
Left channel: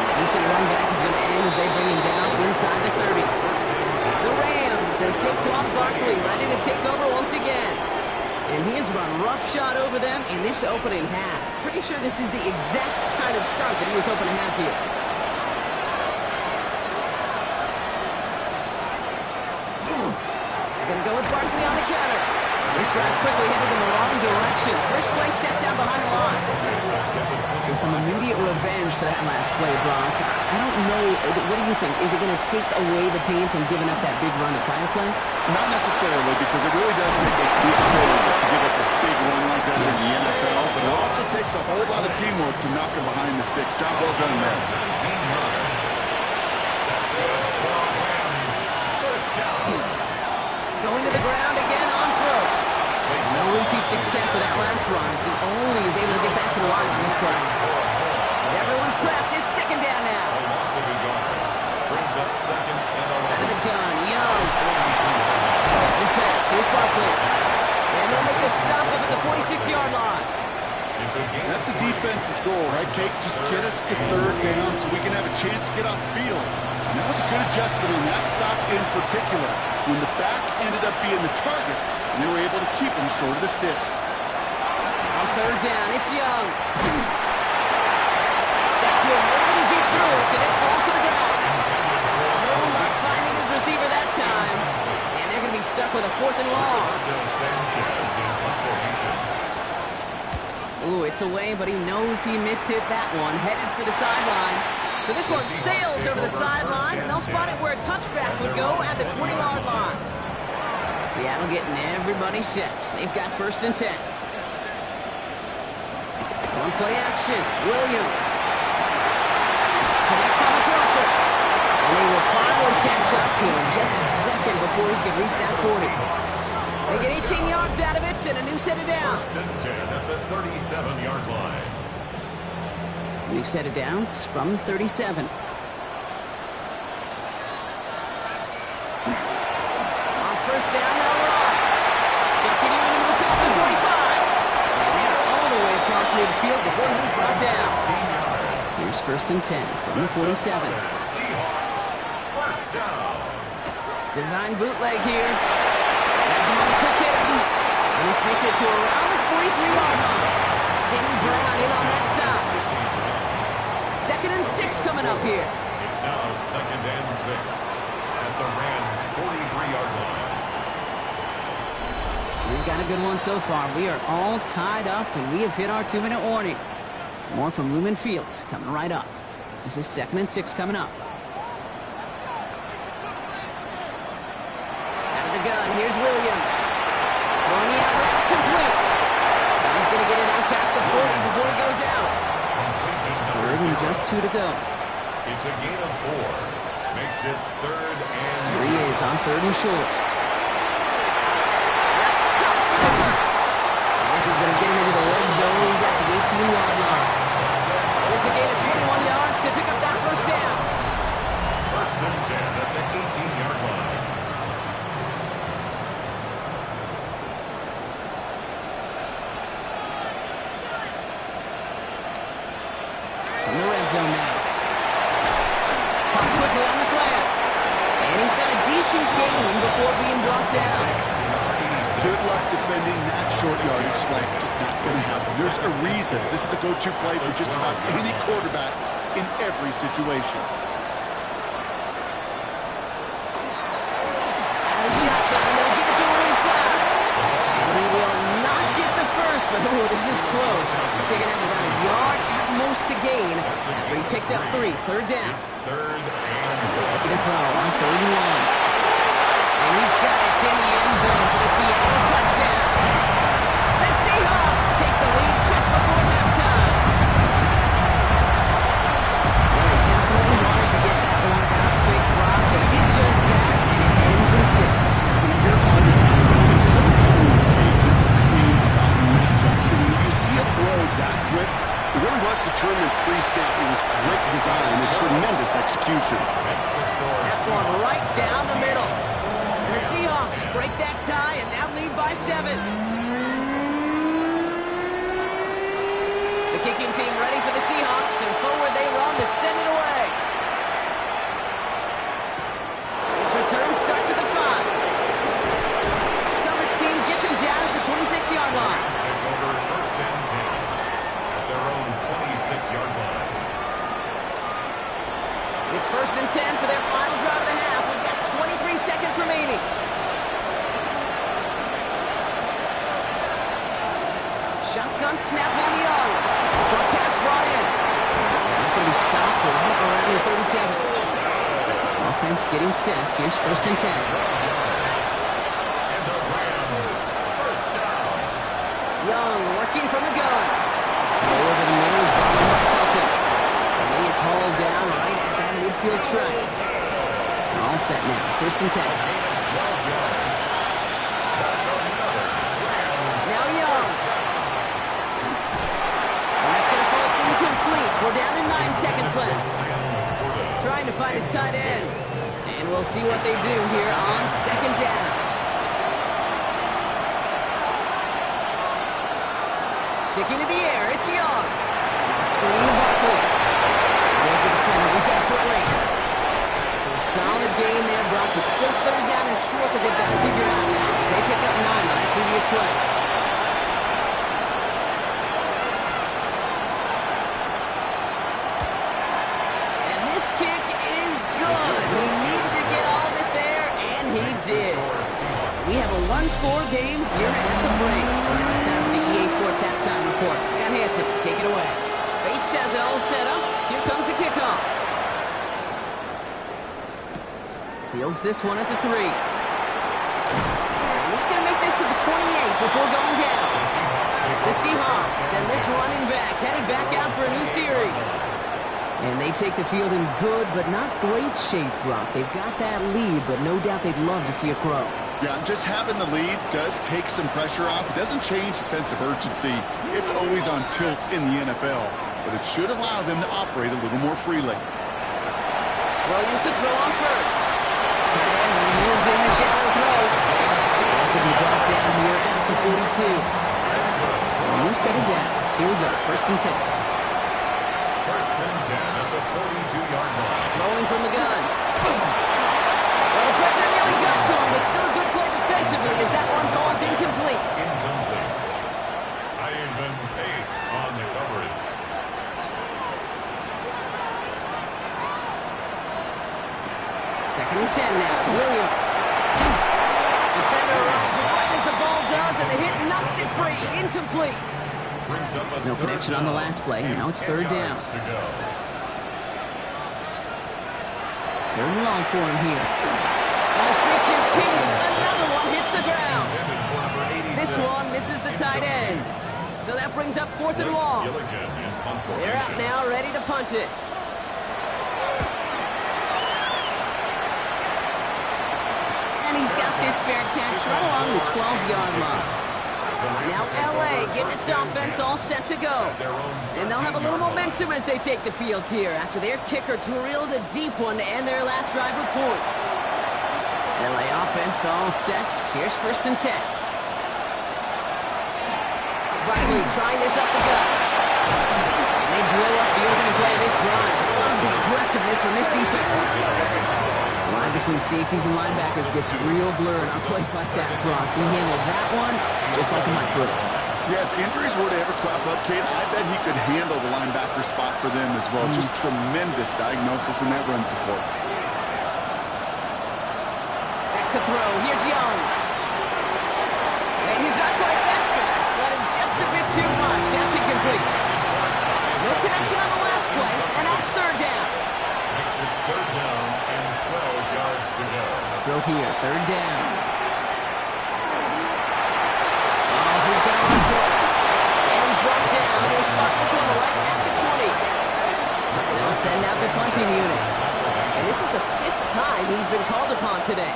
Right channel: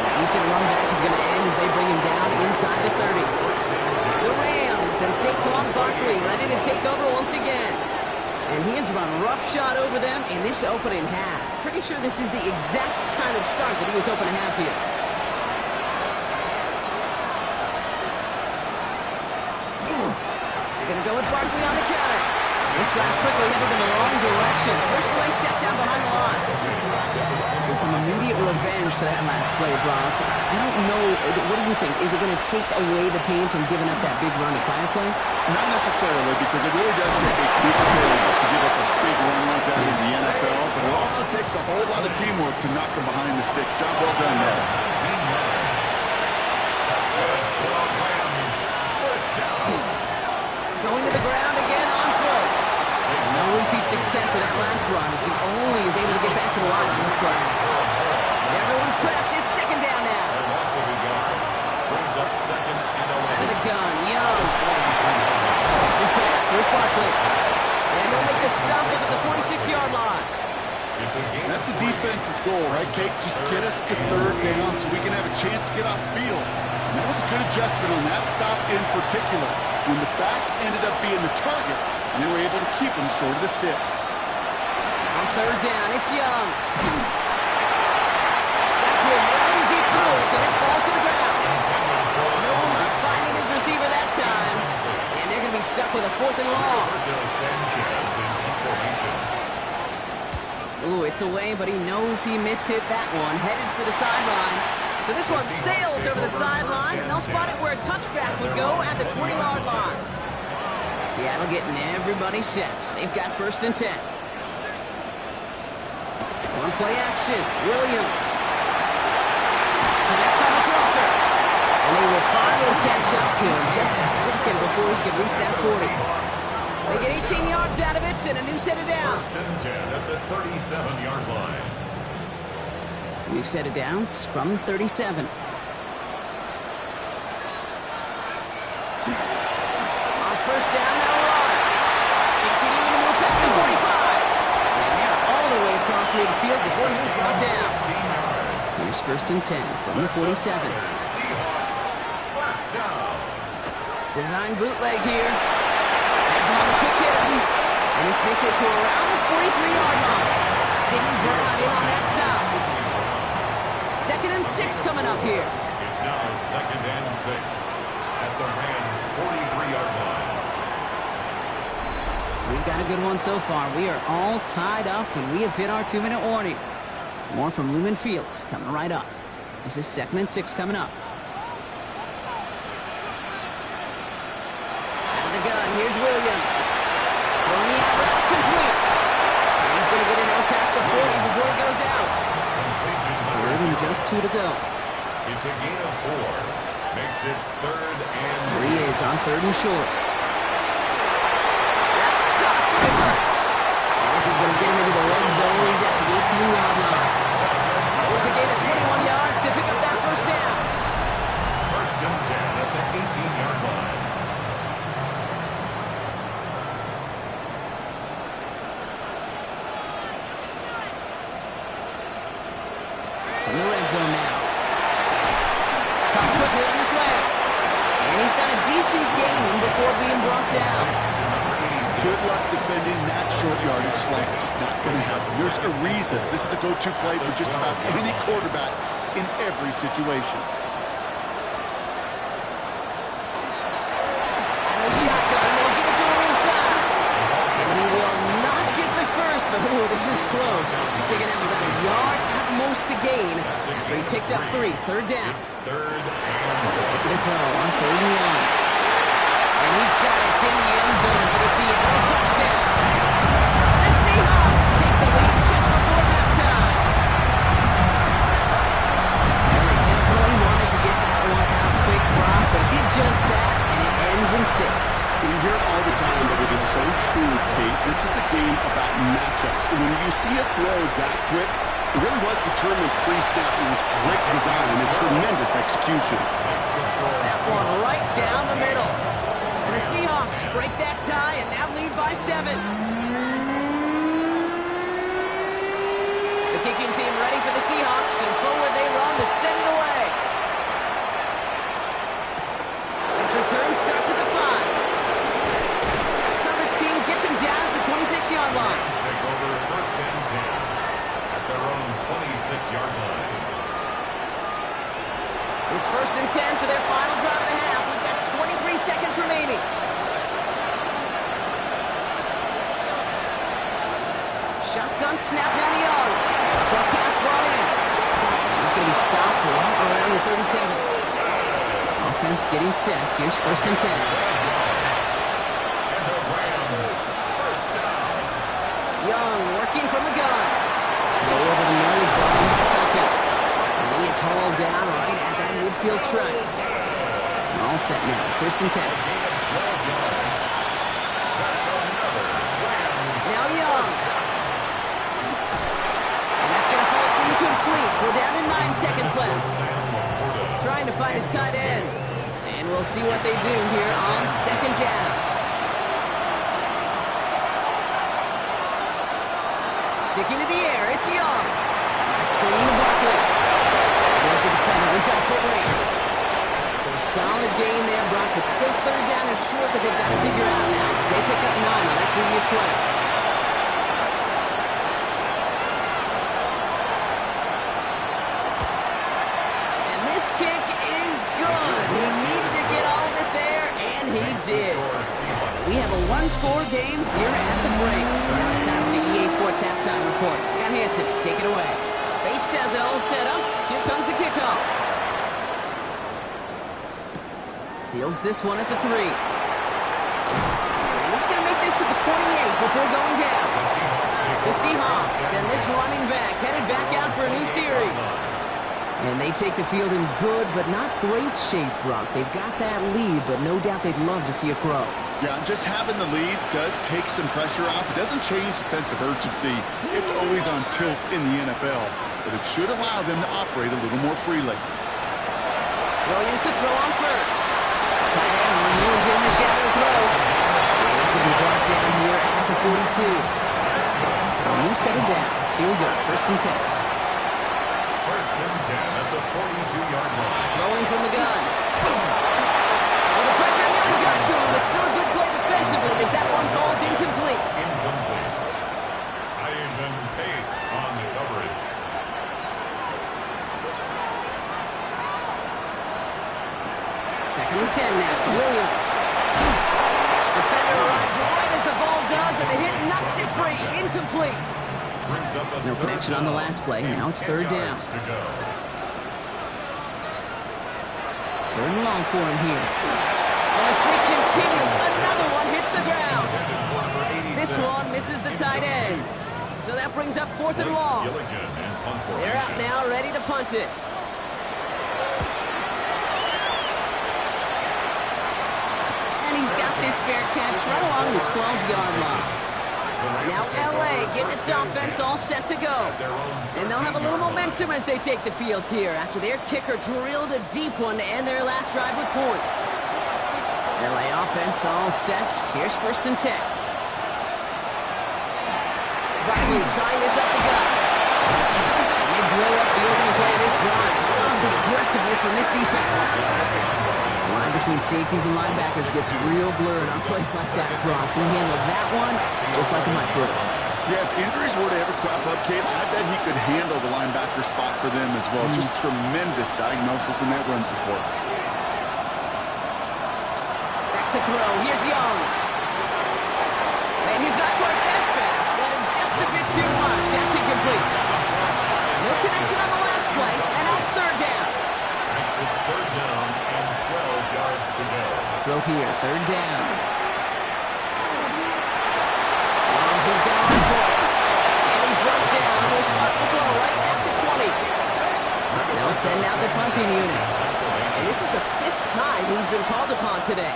A decent run back is going to end as they bring him down inside the 30. The Rams and Saquon Barkley ready to take over once again. And he has run roughshod over them in this opening half. Pretty sure this is the exact kind of start that he was hoping to have here. They're going to go with Barkley on the counter. This drive's quickly headed in the wrong direction. First play set down behind the line. So some immediate revenge for that last play, Brock. I don't know. What do you think? Is it going to take away the pain from giving up that big run to prior play? Not necessarily, because it really does take a big failure to give up a big run like that in the NFL, but it also takes a whole lot of teamwork to knock him behind the sticks. Job well done there. That's good for the Rams. First down. Going to the ground again on first. No repeat success of that last run as he only is able to get back to the line on this play. Everyone's prepped. It's 2nd down now. A loss of a yard. Brings up 2nd and 11. Out of the gun, Young. That's his back. Here's Barkley. And they'll make the stop up at the 46-yard line. That's a defense's goal, right, Kate? Just get us to 3rd down so we can have a chance to get off the field. And that was a good adjustment on that stop in particular, when the back ended up being the target, and they were able to keep him short of the sticks. On 3rd down, it's Young. Got to him right as he threw it, and it falls to the ground. No luck finding his receiver that time. And they're going to be stuck with a 4th and long. Ooh, it's away, but he knows he mishit that one. Headed for the sideline. So this one sails over the sideline, and they'll spot it where a touchback would go at the 20-yard line. Seattle getting everybody set. They've got 1st and 10. On play action, Williams. Connects on the crosser. And they will finally catch up to him just a second before he could reach that 40. They get 18 yards out of it and a new set of downs. 1st and 10 at the 37-yard line. New set of downs from the 37. On 1st down, they'll run. Continuing to move past the 45. And they're all the way across midfield before he's brought down. 16 yards. Here's 1st and 10 from the 47. Seahawks, 1st down. Design bootleg here. That's him on on the quick hitter. And this makes it to around the 43-yard line. Sidney Brown in on that stop. 2nd and 6 coming up here. It's now 2nd and 6 at the Rams' 43-yard line. We've got a good one so far. We are all tied up, and we have hit our 2-minute warning. More from Lumen Fields coming right up. This is 2nd and 6 coming up. Out of the gun, here's Williams. Throwing the out route complete. And he's going to get it out past the 40 before he goes out. 3rd and just 2 to go. It's a gain of 4. Makes it 3rd and 2. Here he is on 3rd and short. That's caught for the first. And this is going to get him into the red zone. He's at the 18-yard line. It's a gain of 21 yards to pick up that first down. 1st and 10 at the 18-yard line. From the red zone now. Caught quickly on the slant. And he's got a decent gain before being brought down. Good luck defending that short yardage slant. Just not going to happen. There's a reason. This is a go-to play for just about any quarterback in every situation. Out of shotgun, they'll give it to him inside. And he will not get the first, but this is close. He's picking up about a yard at most to gain after he picked up 3. 3rd down. It's 3rd and 4. Making a throw on 3rd and 1. And he's got it in the end zone for the Seattle touchdown. The Seahawks take the lead just before halftime. Well, they definitely wanted to get that one out quick, Brock. They did just that, and it ends in 6. We hear all the time that it is so true, Kate. This is a game about matchups. And when you see a throw that quick, it really was determined pre-snap. It was great design and tremendous execution. Makes the score. That one right down the middle. And the Seahawks break that tie and now lead by 7. The kicking team ready for the Seahawks, and forward they run to send it away. This return starts at the 5. Coverage team gets him down at the 26-yard line. Rams take over 1st and 10 at their own 26-yard line. It's 1st and 10 for their final drive of the half. We've got 23 seconds remaining. Shotgun snap on Young. Short pass brought in. And he's going to be stopped right around the 37. Offense getting set. Here's 1st and 10. And the Rams, 1st down. Young working from the gun. Go over the middle is brought in by Felton. And he is hauled down right at that midfield stripe. All set now. 1st and 10. Gain of 12 yards. That's another Rams. Now Young. And that's going to fall incomplete. We're down to 9 seconds left. Trying to find his tight end. And we'll see what they do here on 2nd down. Sticking to the air, it's Young. It's a screen to Barkley. Going to defender, we've got a foot race. So a solid gain there, Brock, but still 3rd down is short that they've got to figure out now as they pick up 9 on that previous play. And this kick is good. He needed to get all of it there, and he did. We have a one-score game here at the break. Now it's time for the EA Sports Halftime Report. Scott Hansen, take it away. Bates has it all set up. Here comes the kickoff. Fields this one at the 3. And he's going to make this to the 28 before going down. The Seahawks, and this running back headed back out for a new series. And they take the field in good but not great shape, Brock. They've got that lead, but no doubt they'd love to see it grow. Yeah, just having the lead does take some pressure off. It doesn't change the sense of urgency. It's always on tilt in the NFL, but it should allow them to operate a little more freely. Williams to throw on 1st. Tight end wheels in the shallow throw. And he's going to be brought down here at the 42. So a new set of downs. Here we go, 1st and 10. 1st and 10 at the 42-yard line. Throwing from the gun. Well, the pressure nearly got to him, but still a good play defensively as that one falls Pace on the coverage. Second and 10 now. Williams. Defender arrives right as the ball does, and the hit knocks it free. Incomplete. Brings up a No connection on the last play. Now it's third down. To go. Third and long for him here. And the streak continues. Another one hits the ground. This one misses the tight end. So that brings up fourth and long. They're out now, ready to punt it. And he's got this fair catch right along the 12-yard line. Now L.A. getting its offense all set to go. And they'll have a little momentum as they take the field here after their kicker drilled a deep one to end their last drive with points. L.A. offense all set. Here's first and 10. Barkley trying this up the gut. And they blow up the opening play of this drive. Love the aggressiveness from this defense. The line between safeties and linebackers gets real blurred on plays like that, Brock. He handled that one just like a Mike would have. Yeah, if injuries were to ever crop up, Kate, I bet he could handle the linebacker spot for them as well. Just tremendous diagnosis in that run support. Back to throw. Here's Young. And he's not quite that fast. Let him just a bit too much. That's incomplete. No connection on the last play, and now it's third down. Makes it third down and 12 yards to go. Throw here, third down. Oh, he's got to run for it. And he's brought down. They'll spot this one right at the 20. They'll send out the punting unit. And this is the 5th time he's been called upon today.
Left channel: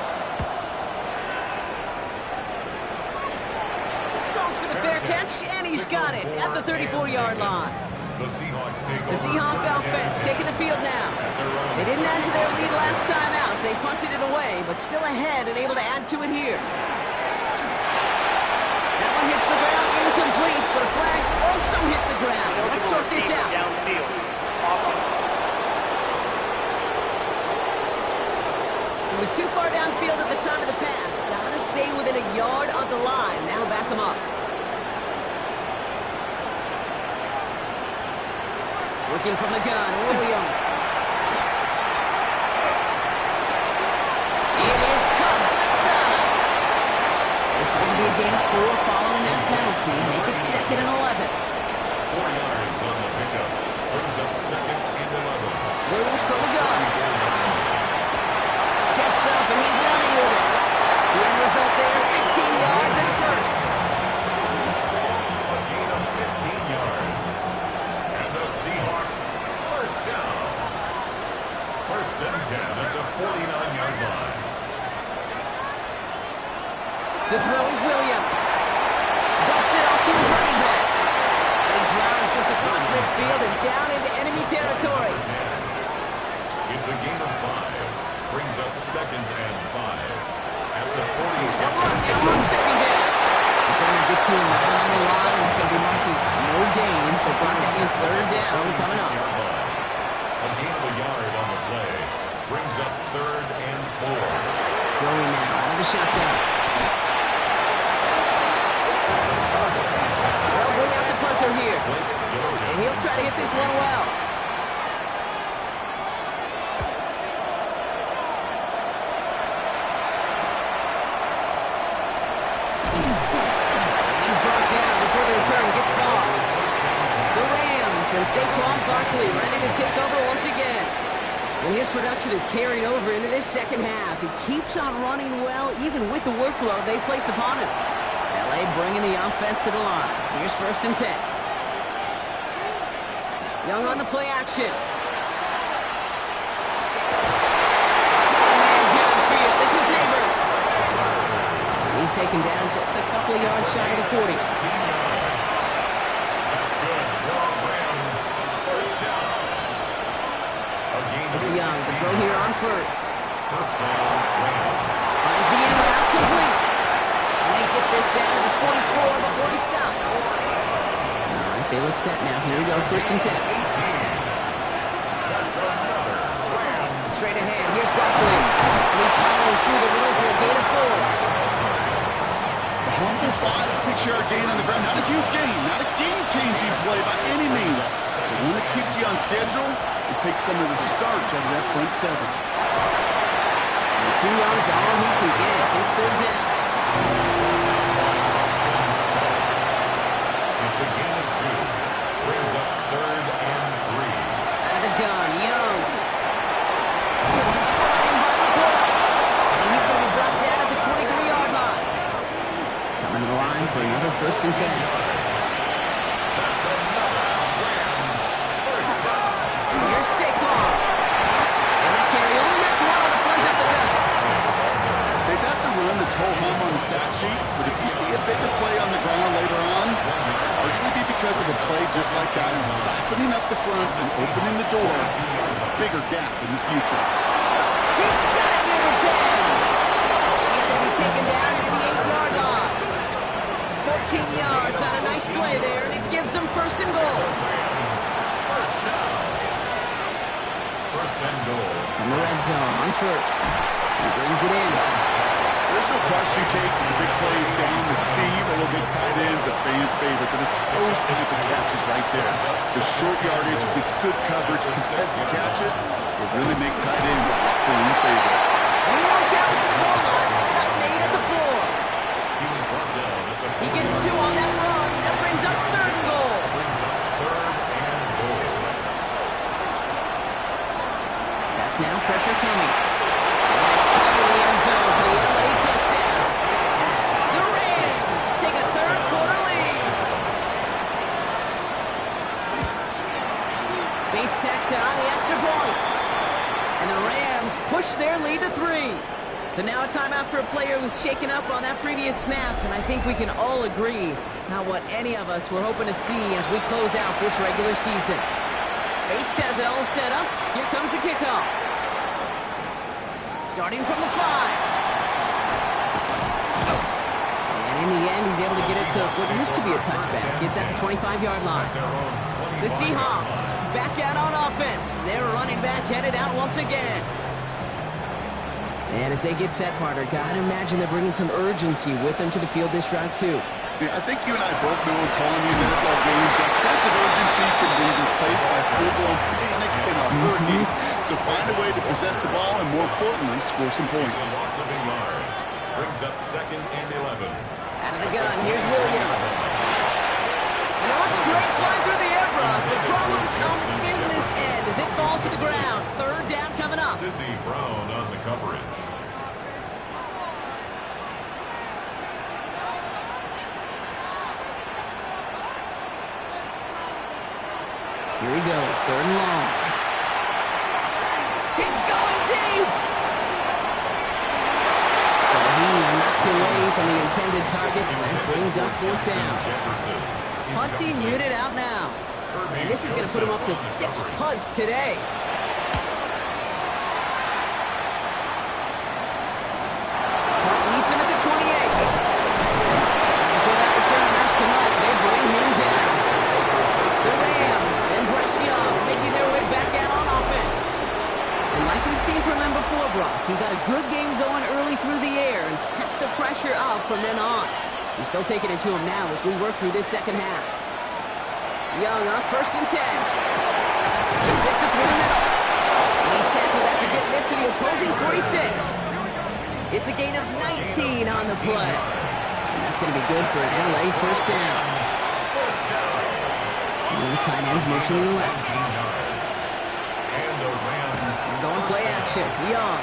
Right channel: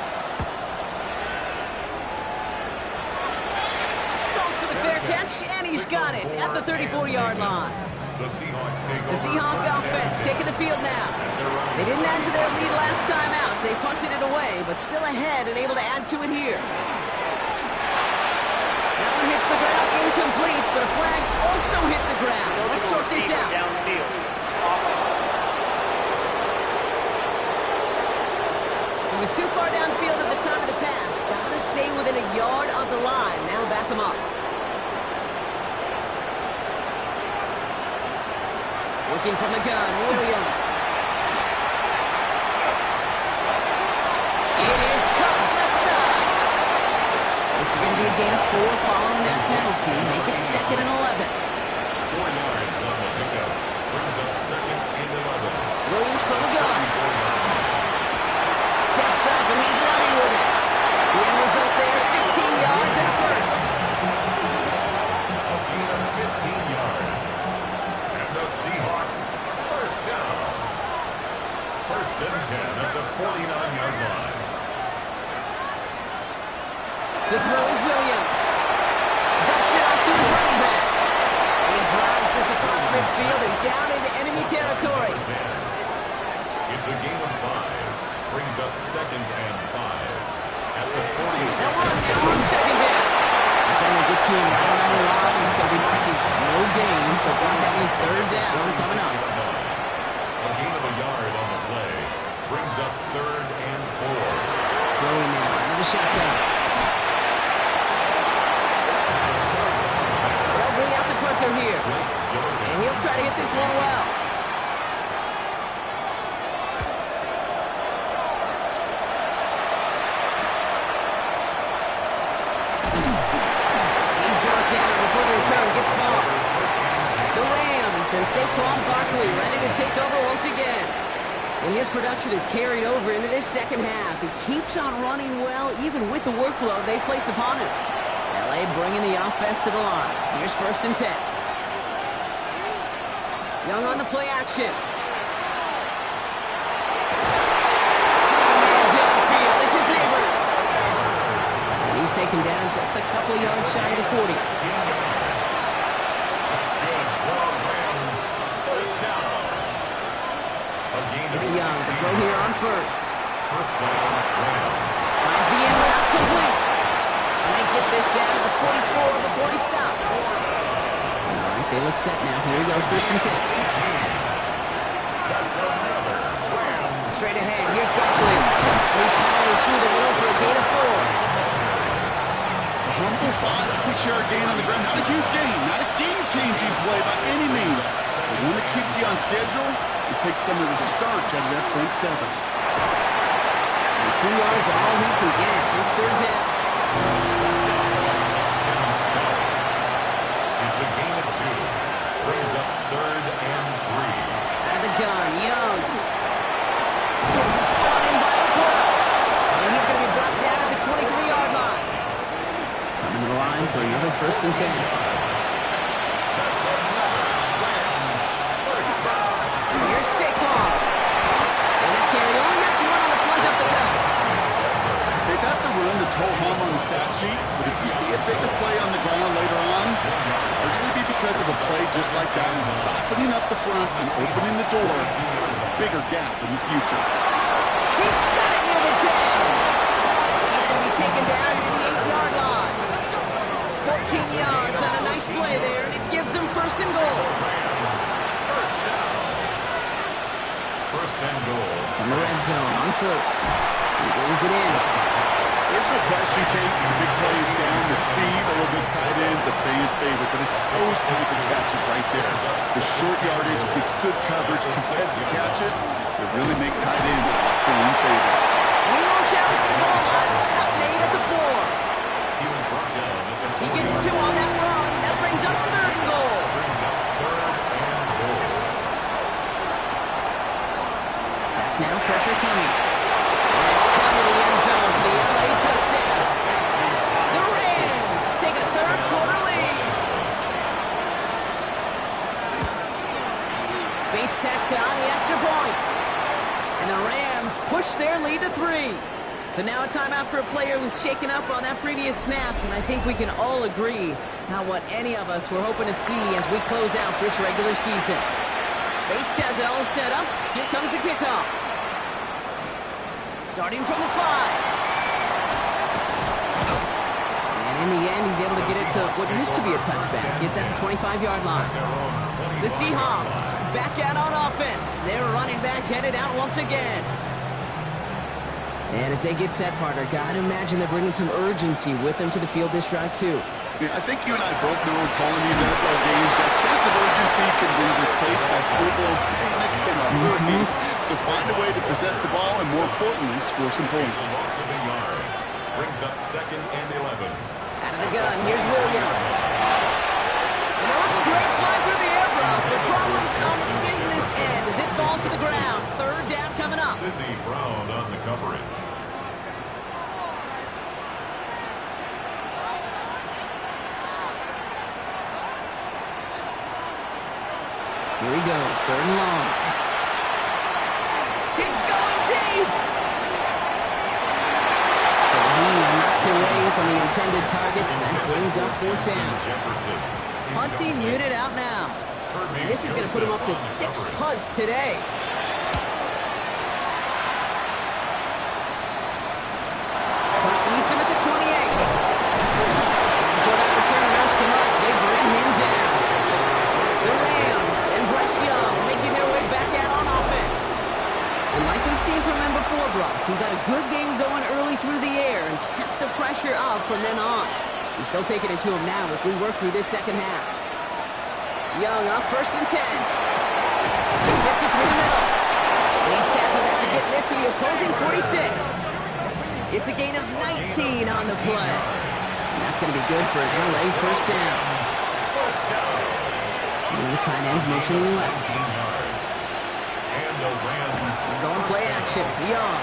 Goes for the fair catch, and he's got it at the 34-yard line. The Seahawks take over. The Seahawks offense taking the field now. They didn't add to their lead last time out, so they punted it away, but still ahead and able to add to it here. That one hits the ground, incomplete, but a flag also hit the ground. Let's sort this out. He was too far downfield at the time of the pass. Gotta stay within a yard of the line. Now back him up. Working from the gun, Williams. It is cut left side. This is going to be a gain of 4 following that penalty. Make it second and 11. 4 yards on the pickup. Brings up second and 11. Williams from the gun. Steps up and he's running with it. The end result there, 15 yards and a first. A gain of 15 yards. And the Seahawks first down. First and 10 at the 49-yard line. To throw is Williams. Dumps it off to his running back. And he drives this across midfield and down into enemy territory. It's a gain of 5. Brings up second and 5. At the 46. They'll run now on second down. Defender gets to him right around the line. It's going to be marked as no gain. So Brock, that means third down coming up. A gain of a yard on the play. Brings up third and 4. Throwing now out of the shotgun. They'll bring out the punter here. And he'll try to hit this one well. Before the return gets far. The Rams and Saquon Barkley ready to take over once again. And his production is carried over into this second half. He keeps on running well, even with the workload they placed upon him. L.A. bringing the offense to the line. Here's first and 10. Young on the play action. Man downfield. This is Neighbors. He's taken down just a couple of yards shy of the 40. 16 yards. That's good for Rams. First down. It's Young to throw here on first. First down, Rams. Finds the end route complete. And they get this down to the 44 before he stopped. All right, they look set now. Here we go, first and 10. That's another Rams. Straight ahead, here's Barkley. And he powers through the middle for a gain of 4. The hump simple 5-6-yard gain on the ground. Not a huge gain, not a game-changing play by any means. But one that keeps you on schedule and takes some of the starch out of that front seven. And 2 yards all he can get. It's third down. It's a gain of 2. Brings up 3rd and 3. Out of the gun, Young. This is brought in by Laporta. And he's going to be brought down at the 23-yard line. Coming to the line for another 1st and 10. That's another Rams first down. Here's Saquon. And that carry only gets 1 on the plunge up the gut. Hey, that's a run that's ho-hum on the stat sheet, but if you see a bigger play on the ground later on, largely be because of a play just like that, softening up the front and opening the door, a bigger gap in the future. He's got it near the 10. He's going to be taken down near the 8-yard line. 14 yards on a nice play there, and it gives him 1st and goal. First down. 1st and goal. From the red zone on 1st. He brings it in. There's no question, Kate, big plays down the seam or big tight ends, a fan favorite, but it's those type of catches right there. The short yardage, if it's good coverage, contested catches, they really make tight ends a locker-room favorite. And he won't challenge for the goal line. The stop made at the 4. He was brought down at the 4. He gets 2 on that run. That brings up 3rd and goal. Brings up 3rd and goal. Back now, pressure coming. And it's coming to the end zone for the LA touchdown. The Rams take a 3rd quarter lead. Bates tacks on the extra point. And the Rams push their lead to 3. So now a timeout for a player who was shaken up on that previous snap, and I think we can all agree not what any of us were hoping to see as we close out this regular season. Bates has it all set up. Here comes the kickoff. Starting from the 5. And in the end, he's able to get it to what used to be a touchback. It's at the 25-yard line. The Seahawks back out on offense. Their running back headed out once again. And as they get set, partner, gotta imagine they're bringing some urgency with them to the field this drive, too. Yeah, I think you and I both know in calling these NFL games, that sense of urgency can be replaced by full-blown panic in a hurry. So find a way to possess the ball and, more importantly, score some points. It's a loss of a yard. Brings up 2nd and 11. Out of the gun, here's Williams. And it looks great flying through the air, Brock, but problems on the business end as it falls to the ground. 3rd down coming up. Sidney Brown on the coverage. Here he goes, 3rd and long. He's going deep! So he's knocked away from the intended targets, and that brings up 4th down. Jefferson. Punting unit out now. And this is going to put him up to 6 punts today. Punt meets him at the 28. Before that return amounts to much, they bring him down. The Rams and Bryce Young making their way back out on offense. And like we've seen from him before, Brock, he got a good game going early through the air and kept the pressure up from then on. He's still taking it to him now as we work through this second half. Young up 1st and 10. He fits it through the middle. And he's tackled after getting this to the opposing 46. It's a gain of 19 on the play. And that's going to be good for an LA 1st down. First down. One of the tight ends motioning left. 18 yards. And the Rams Going play action. Young.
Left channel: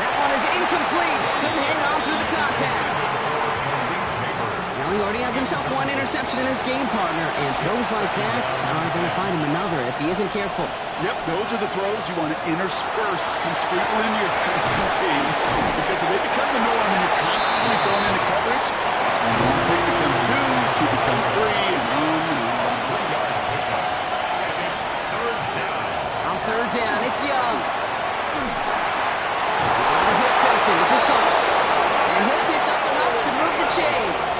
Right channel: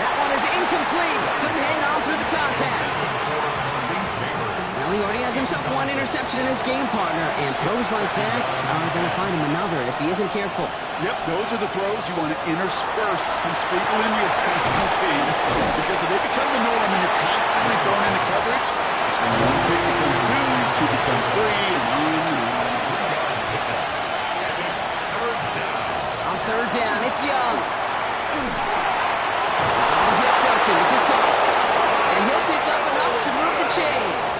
That one is incomplete. Couldn't hang on through the contact. Well, he already has himself 1 interception in his game, partner, and throws like that are going to find him another if he isn't careful. Yep, those are the throws you want to intersperse and sprinkle into your passing game, because if they become the norm and you're constantly thrown into coverage, it's when 1 pick becomes 2, 2 becomes 3, and on and on. 3-yard pickup. And it's 3rd down. On 3rd down, it's Young. The hit Felton. This is caught. And he'll pick up enough to move the chains.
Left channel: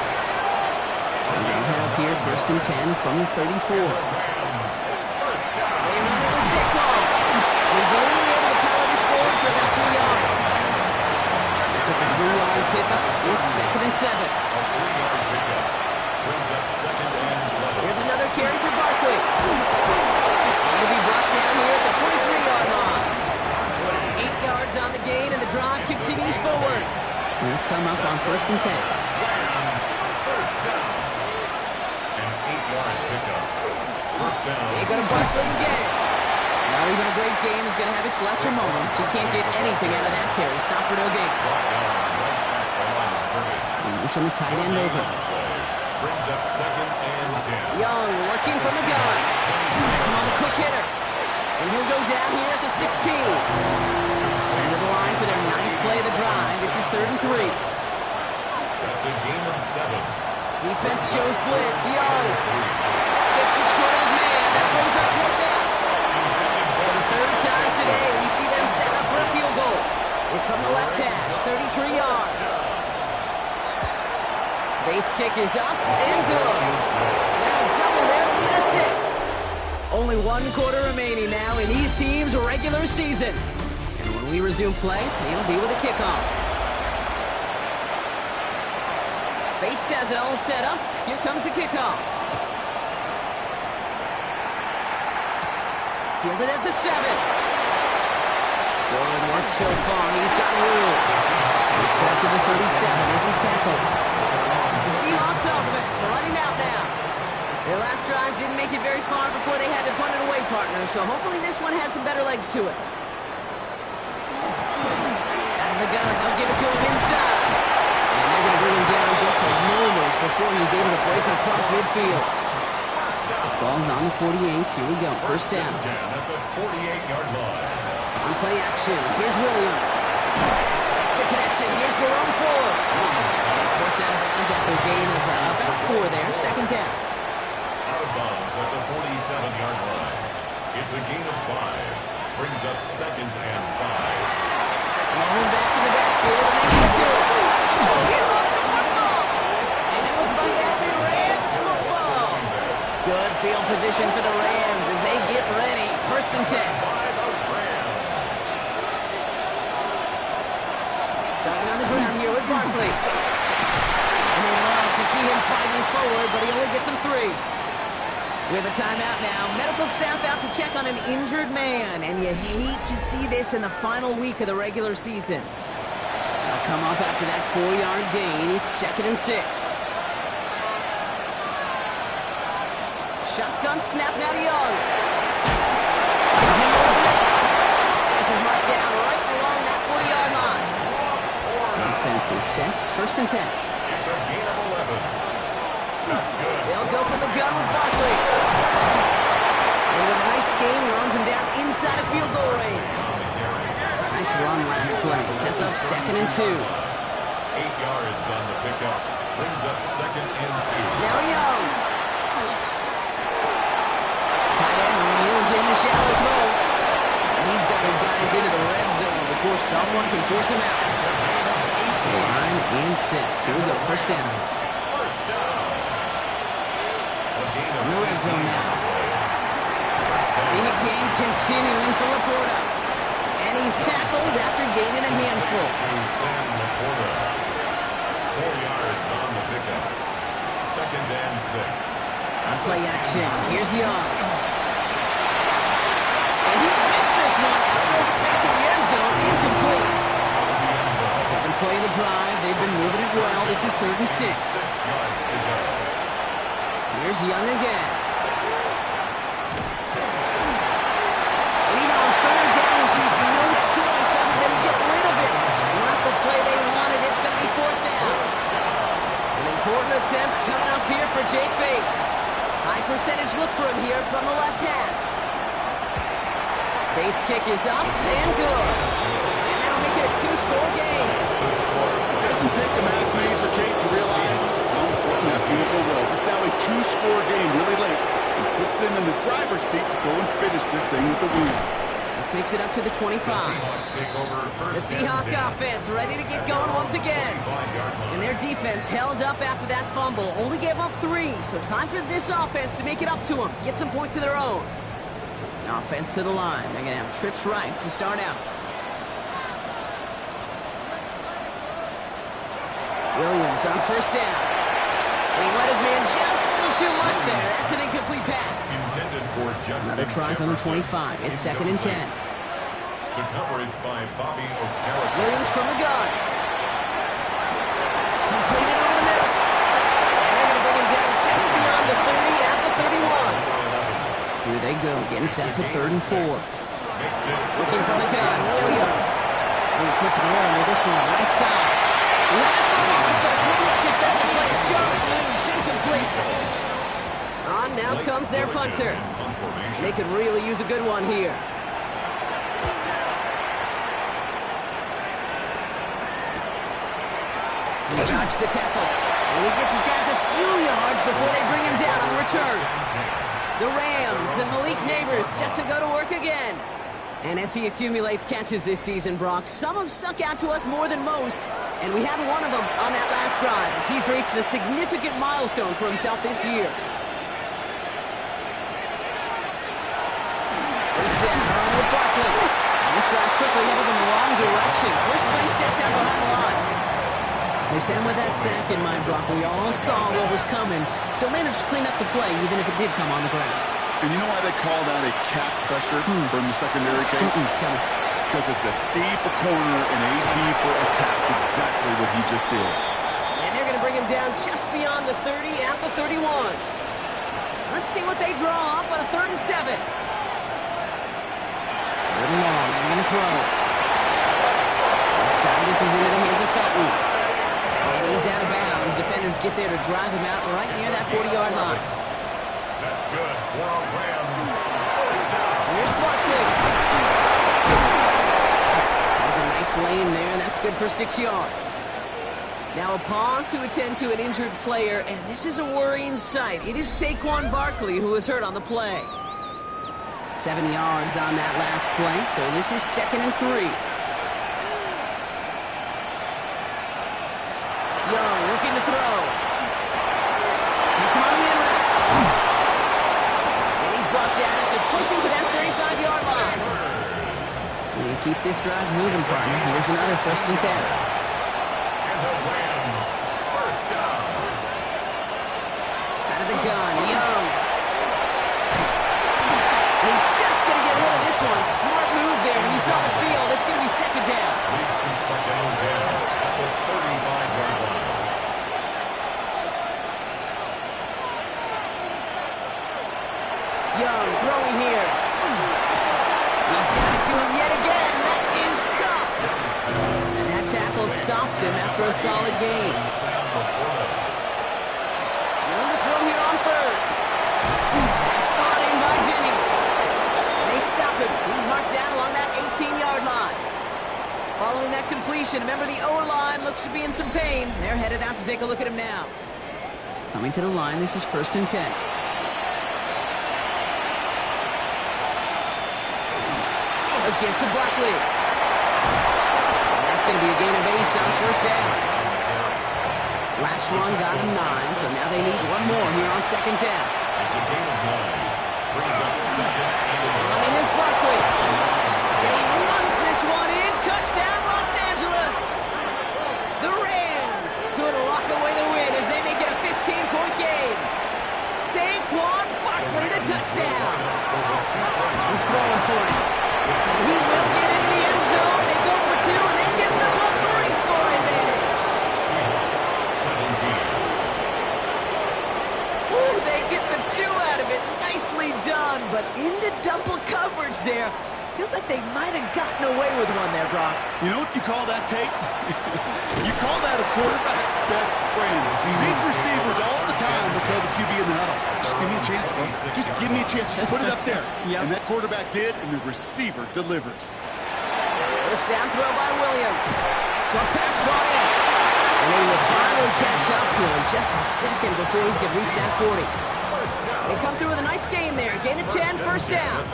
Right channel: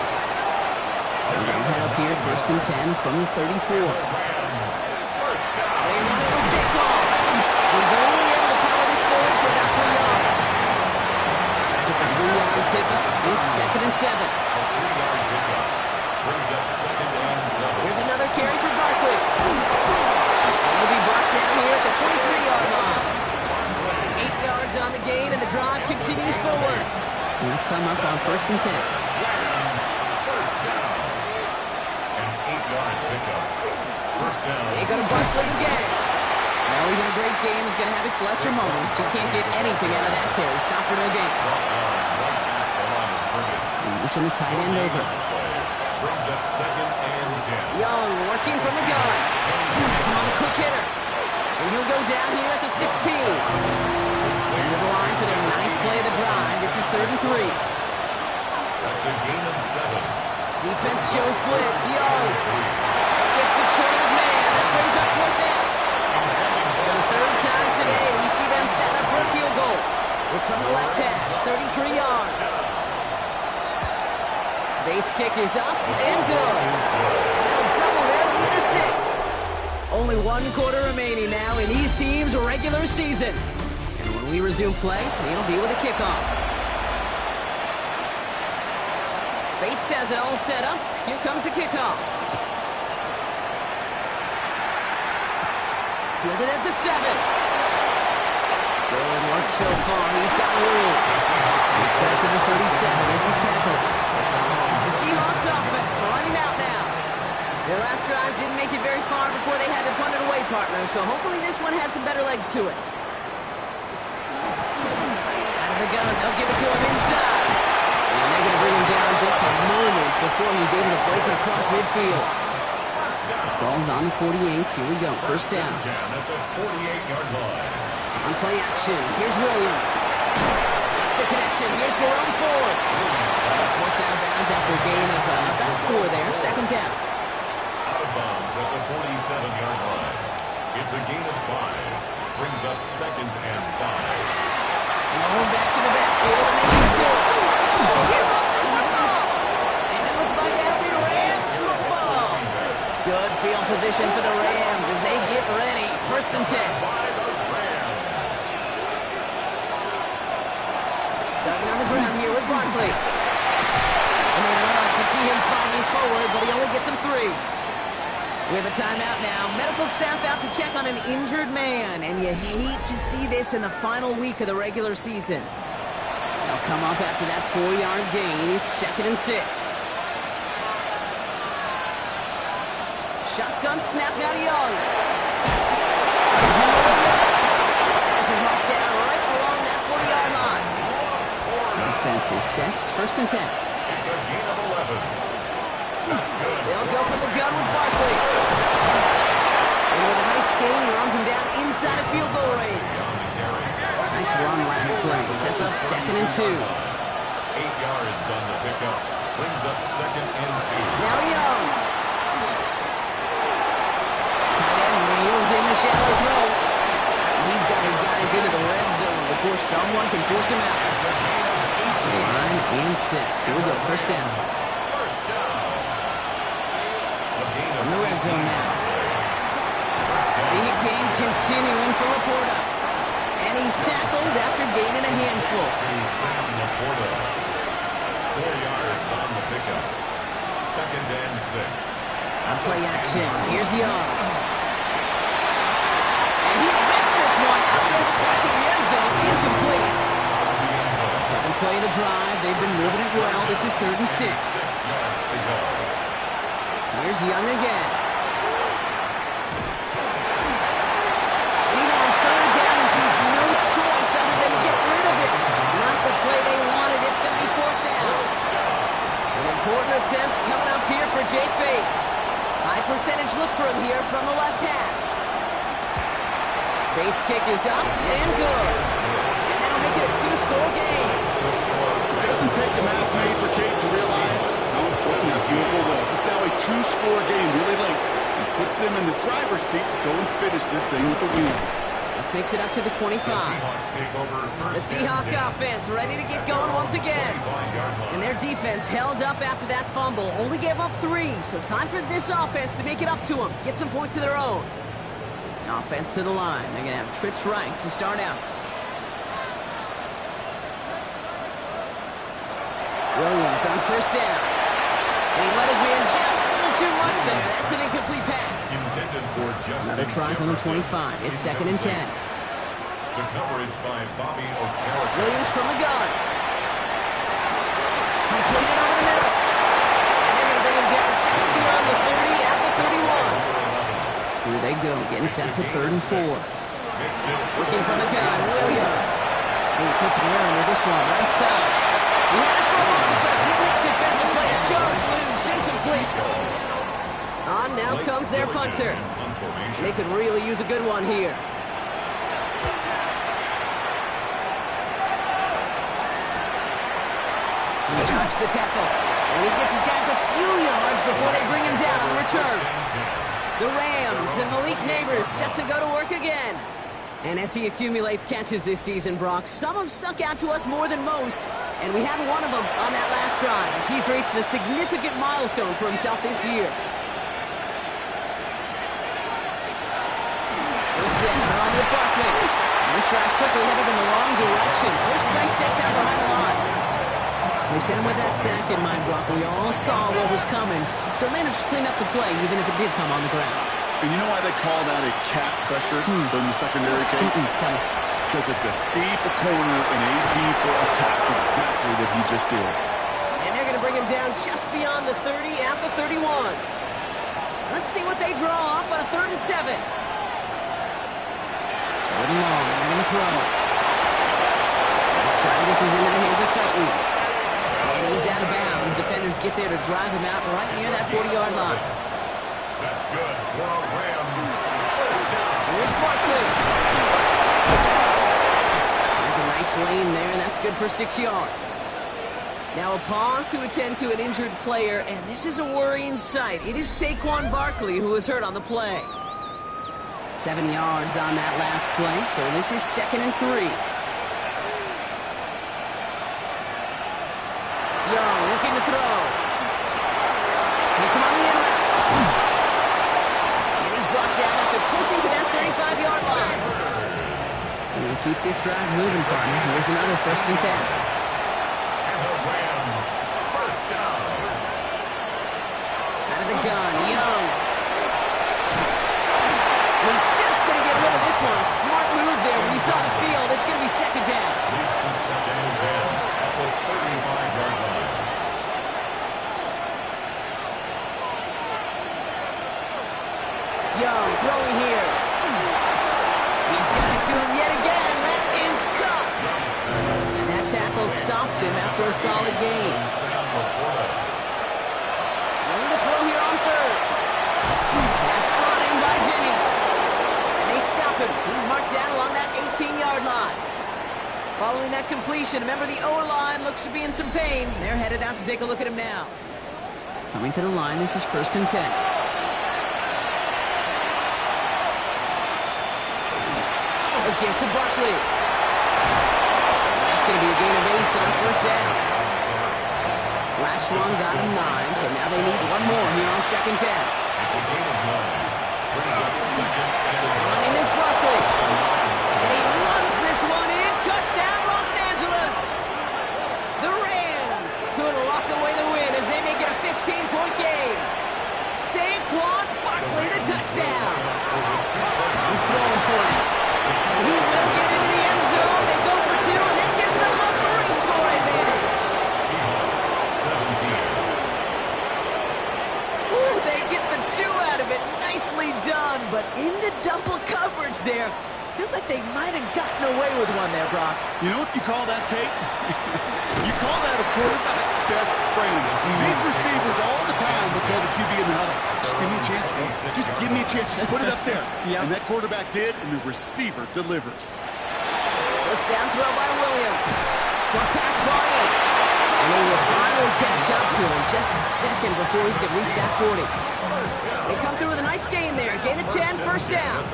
So they'll head up here 1st and 10 from the 34. Rams first down. They run it with Saquon. He's only able to power this forward for about 3 yards. Took a 3-yard pickup. It's 2nd and 7. A 3-yard pickup brings up 2nd and 7. Here's another carry for Barkley. And he'll be brought down here at the 23-yard line. 8 yards on the gain, and the drive continues forward. He'll come up on 1st and 10. Rams, first down. An 8-yard pickup. First down. They go to Barkley again. Now even a great game is going to have its lesser moments. You can't get anything out of that carry. Stop for no gain. Brought down right at the line of scrimmage. Motion the tight end over. Brings up 2nd and 10. Young working from the gun. Has him on the quick hitter. And he'll go down here at the 16. Into the line for their 9th play of the drive. This is 3rd and 3. That's a gain of 7. Defense shows blitz. Young skips it short of his man. That brings up 4th down. For the 3rd time today, we see them setting up for a field goal. It's from the left hash, 33 yards. Bates' kick is up and good. And that'll double their lead to 6. Only 1 quarter remaining now in these teams' regular season. And when we resume play, it'll be with a kickoff. Bates has it all set up. Here comes the kickoff. Fielded at the 7. Good work so far. He's got room. Makes it up to the 37 as he's tackled. The Seahawks offense running out now. Their last drive didn't make it very far before they had to punt it away, partner. So hopefully this one has some better legs to it. Out of the gun. They'll give it to him inside. And they're going to bring him down just a moment before he's able to break it across midfield. Ball's on the 48. Here we go. First down. 10 at the 48-yard line. On play action. Here's Williams. Makes the connection. Here's Jerome Ford. It's forced out of bounds after a gain of about 4 there. 2nd down. Out of bounds at the 47-yard line. It's a gain of 5. Brings up 2nd and 5. Rolling back in the backfield, and they get to it. He lost the football. And it looks like that'll be Rams football. Good field position for the Rams as they get ready. 1st and 10. Starting on the ground here with Barkley. And they love to see him fighting forward, but he only gets him 3. We have a timeout now. Medical staff out to check on an injured man, and you hate to see this in the final week of the regular season. They'll come up after that 4-yard gain. It's 2nd and 6. Shotgun snap now to Young. And this is marked down right along that 40-yard line. Defense is set. 1st and 10. It's a gain of 11. That's good. They'll go from the gun with Barkley. And with a nice gain, he runs him down inside of field goal range. Nice run last play. Sets up 2nd and 2. 8 yards on the pickup. Brings up 2nd and 2. Now Young. Tight end reels in the shallow throw. He's got his guys into the red zone before someone can force him out. Line and set. Here we go. 1st down. In the red zone now. Big game continuing for Laporta. And he's tackled after gaining a handful. Sam Laporta. 4 yards on the pickup. 2nd and 6. On play action. Here's Young. And he rips this one out of the back of the end zone. Incomplete. 7th play of the drive. They've been moving it well. This is 3rd and 6. 6 yards to go. Here's Young again. And even on 3rd down, he sees no choice other than to get rid of it. Not the play they wanted. It's going to be 4th down. An important attempt coming up here for Jake Bates. High percentage look for him here from the left hash. Bates' kick is up and good. And that'll make it a 2-score game. It doesn't take a math major, Kate, to realize how important that field goal was. It's now a 2-score game really late. It puts them in the driver's seat to go and finish this thing with a win. This makes it up to the 25. The Seahawks take over The first Seahawk and 10. offense ready to get going once again. 25-yard line. And their defense held up after that fumble. Only gave up 3. So time for this offense to make it up to them. Get some points of their own. Offense to the line. They're going to have trips right to start out. Williams on first down. And he let his man just a little too much there. That's an incomplete pass. Intended for Justin Another try from the 25. It's 2nd and 10. The coverage by Bobby O'Carroll. Williams from the gun. Completed over the middle. And they're going to bring him down just beyond the 30 at the 31. Here they go, getting set for 3rd and 4. Working from the gun, Williams. He puts him here under this one, right side. Left for a moment, but a great defensive play. Jarrett loose, incomplete. On now comes their punter. They could really use a good one here. He dodged the tackle. And he gets his guys a few yards before they bring him down on the return. The Rams and Malik Neighbors set to go to work again. And as he accumulates catches this season, Brock, some have stuck out to us more than most. And we had one of them on that last drive as he's reached a significant milestone for himself this year. First down on with Barkley. And this drive's quickly headed in the wrong direction. First play set down behind the line. They sent him with that sack in mind, Brock. We all saw what was coming, so managed to clean up the play, even if it did come on the ground. And you know why they call that a cat pressure from the secondary, Kate? Tell me. Because it's a C for corner and AT for attack. Exactly what he just did. And they're going to bring him down just beyond the 30 at the 31. Let's see what they draw up on a 3rd and 7. 3rd and long. They're going to throw. Outside, this is into the hands of Felton. And he's out of bounds. Defenders get there to drive him out right near that 40-yard line. That's good for a Rams. First down. Here's Barkley. That's a nice lane there, and that's good for 6 yards. Now a pause to attend to an injured player, and this is a worrying sight. It is Saquon Barkley who was hurt on the play. 7 yards on that last play, so this is 2nd and 3. Young looking to throw. Hits him on the in route. And he's brought down after pushing to that 35-yard line. You keep this drive moving, partner. Here's another 1st and 10. And the Rams, first down. Out of the gun, Young. And he's just going to get rid of this one. Smart move there. When you saw the field, it's going to be 2nd down. Leads to 2nd and 10 at the 35-yard line. Young throwing here. He's got it to him yet again. That is caught. And that tackle stops him after a solid gain. Young to throw here on 3rd. Pass brought in by Jennings. And they stop him. He's marked down along that 18-yard line. Following that completion, remember the O-line looks to be in some pain. They're headed out to take a look at him now. Coming to the line, this is 1st and 10. A give to Barkley. And that's going to be a gain of 8 on 1st down. Last one got him 9, so now they need one more here on 2nd down. It's a gain of 9. Brings up 2nd and 11. Running is Barkley. And he runs this one in. Touchdown, Los Angeles. The Rams could lock away the win as they make it a 15-point game. Saquon Barkley, the touchdown. He's throwing for it. He will get into the end zone. They go for 2, and that gives them a 3-score advantage. Seahawks, 17. Ooh, they get the 2 out of it. Nicely done, but into double coverage there. Feels like they might have gotten away with one there, Brock. You know what you call that, Kate? You call that a quarterback's best friend. These receivers all the time will tell the QB in the huddle, just give me a chance, bro. Just give me a chance. Just put it up there. Yep. And that quarterback did, and the receiver delivers. First down throw by Williams. Short pass brought in. And they will finally catch up to him just a second before he could reach that 40. They come through with a nice gain there. Gain of 10, first down.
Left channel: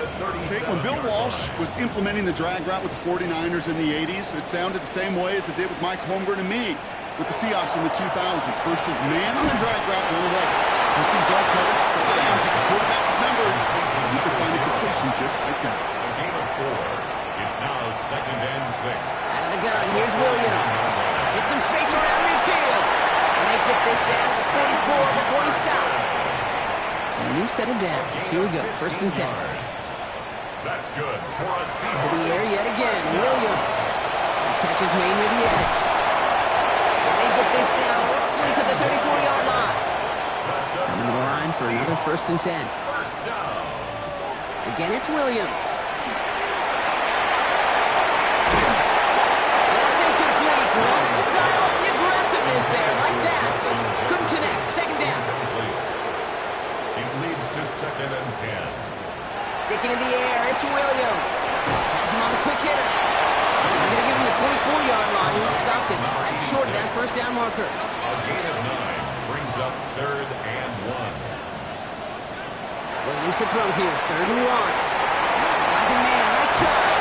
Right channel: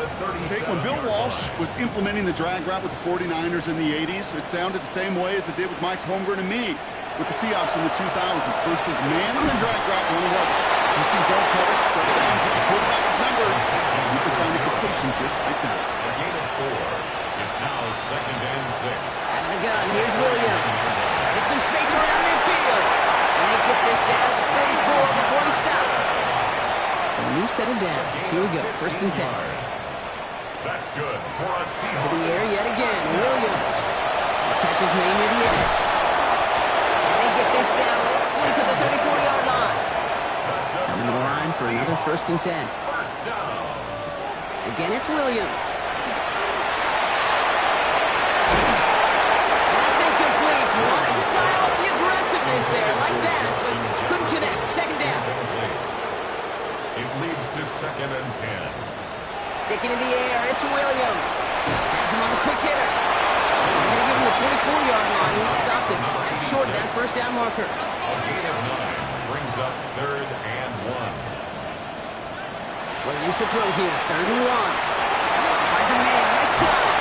Kate, when Bill Walsh was implementing the drag route with the 49ers in the 80s, it sounded the same way as it did with Mike Holmgren and me with the Seahawks in the 2000s. Versus man on the drag route, 1-11. You see zone coverage, settle down, get the quarterback's numbers, and you can find a completion just like that. A gain of 4. It's now 2nd and 6. Out of the gun, here's Williams. Get some space around midfield. get this down to 44 before he stopped. So a new set of downs. Here we go, 1st and 10. That's good for a Seahawks. To the air yet again, Williams. He catches May near the edge. And they get this down roughly to the 34-yard line. Coming to the line for another 1st and 10. First down. Again, it's Williams. And that's incomplete. Wanted to dial up the aggressiveness there like that, but couldn't connect. 2nd down. Incomplete. It leads to 2nd and 10. Sticking in the air, it's Williams. Has him on the quick hitter. They're going to give him the 24-yard line. He stopped it short of that 1st down marker. A gain of 9 brings up 3rd and 1. Williams to throw here, 3rd and 1. Finds a man right side.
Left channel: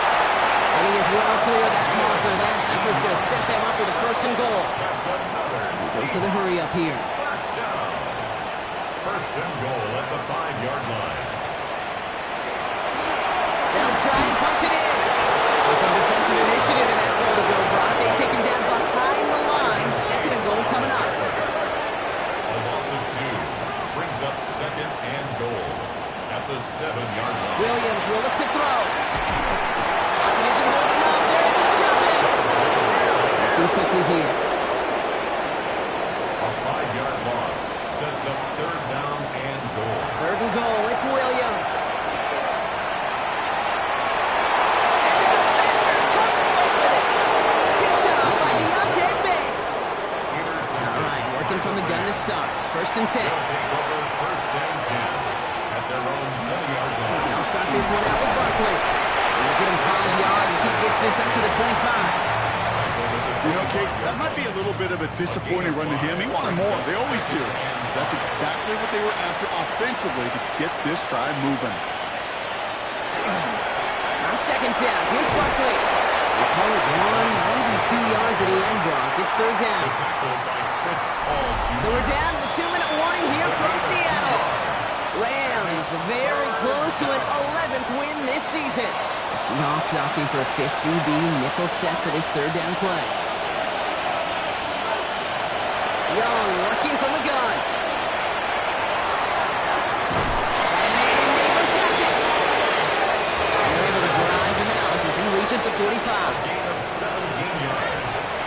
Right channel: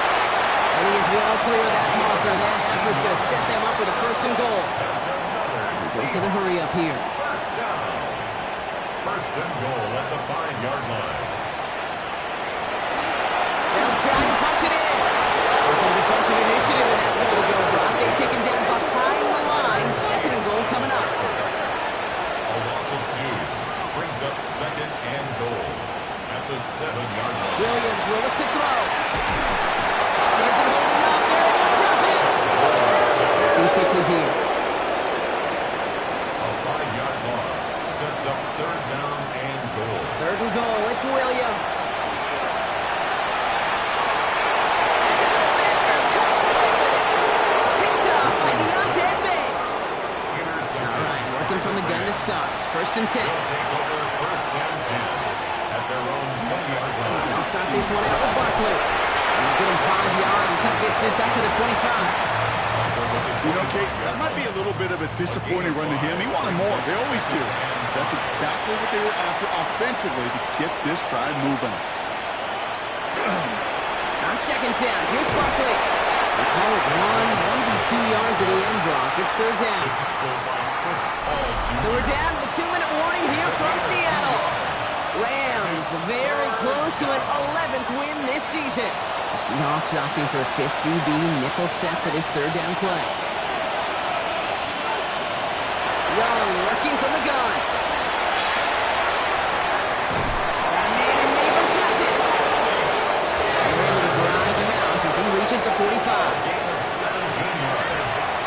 And he is well clear of that marker. That effort's going to set them up with a 1st and goal. That's another. He goes to the hurry up here. First down. 1st and goal at the 5-yard line. They'll try and punch it in. So some defensive initiative in that goal to go, Brock. They take him down behind the line. 2nd and goal coming up. A loss of 2 brings up 2nd and goal at the 7-yard line. Williams will look to throw. It isn't holding up. They're able to drop it. Looking quickly here. A 5-yard loss sets up 3rd down and goal. 3rd and goal. It's Williams. From the gun to Suggs. 1st and 10. They'll take over 1st and 10 at their own 20-yard line. They'll start this one out with Barkley. They'll get him 5 yards as he gets this up to the 25. You know, Kate, that might be a little bit of a disappointing run to him. He wanted more. They always do. That's exactly what they were after offensively to get this drive moving. On 2nd down, here's Barkley. They call it 1, maybe 2 yards at the end, Brock. It's 3rd down. So we're down to the 2-minute warning here from Seattle. Rams very close to an 11th win this season. The Seahawks opting for a 50-B nickel set for this 3rd down play. Young working from the gun. Got a man and Neighbors has it. They're able to drive him out as he reaches the 45. Gain of 17 yards.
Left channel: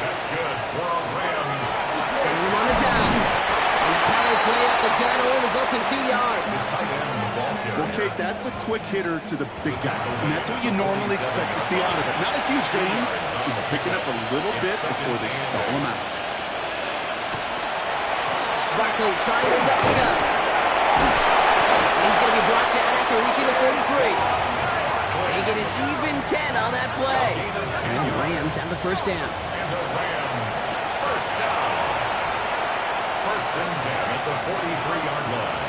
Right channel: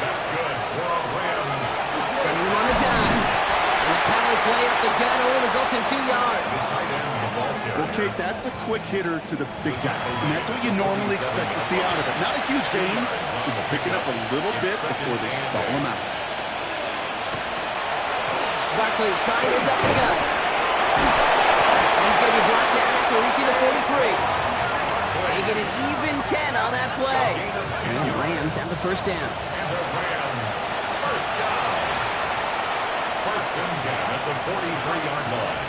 That's good for a Rams. Sending him on the dime. And the power play up the gun only results in 2 yards. The tight end, the ball carrier. Well, Kate, that's a quick hitter to the big guy. And that's what you normally expect to see out of it. Not a huge gain, just picking up a little bit before they stall him out. Barkley trying this up the gut. And he's going to be brought down after reaching the 43. They get an even 10 on that play. And the Rams have the 1st down. And the Rams, 1st down. 1st and 10 at the 43-yard line.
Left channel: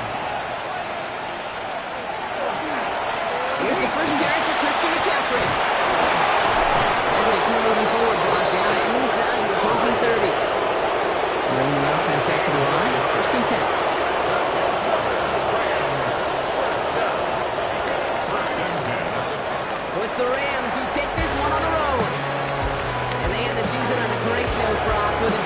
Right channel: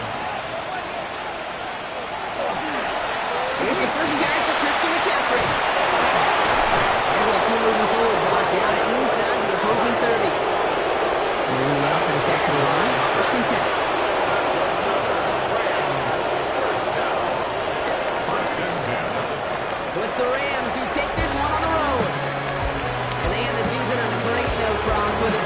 Here's the first carry for Christian McCaffrey. They're going to keep moving forward, brought down inside the opposing 30. Bringing the offense out to the line. 1st and 10. That's another Rams 1st down. 1st and 10 at the top. So it's the Rams who take this one on the road. And they end the season on a great note, Brock, with a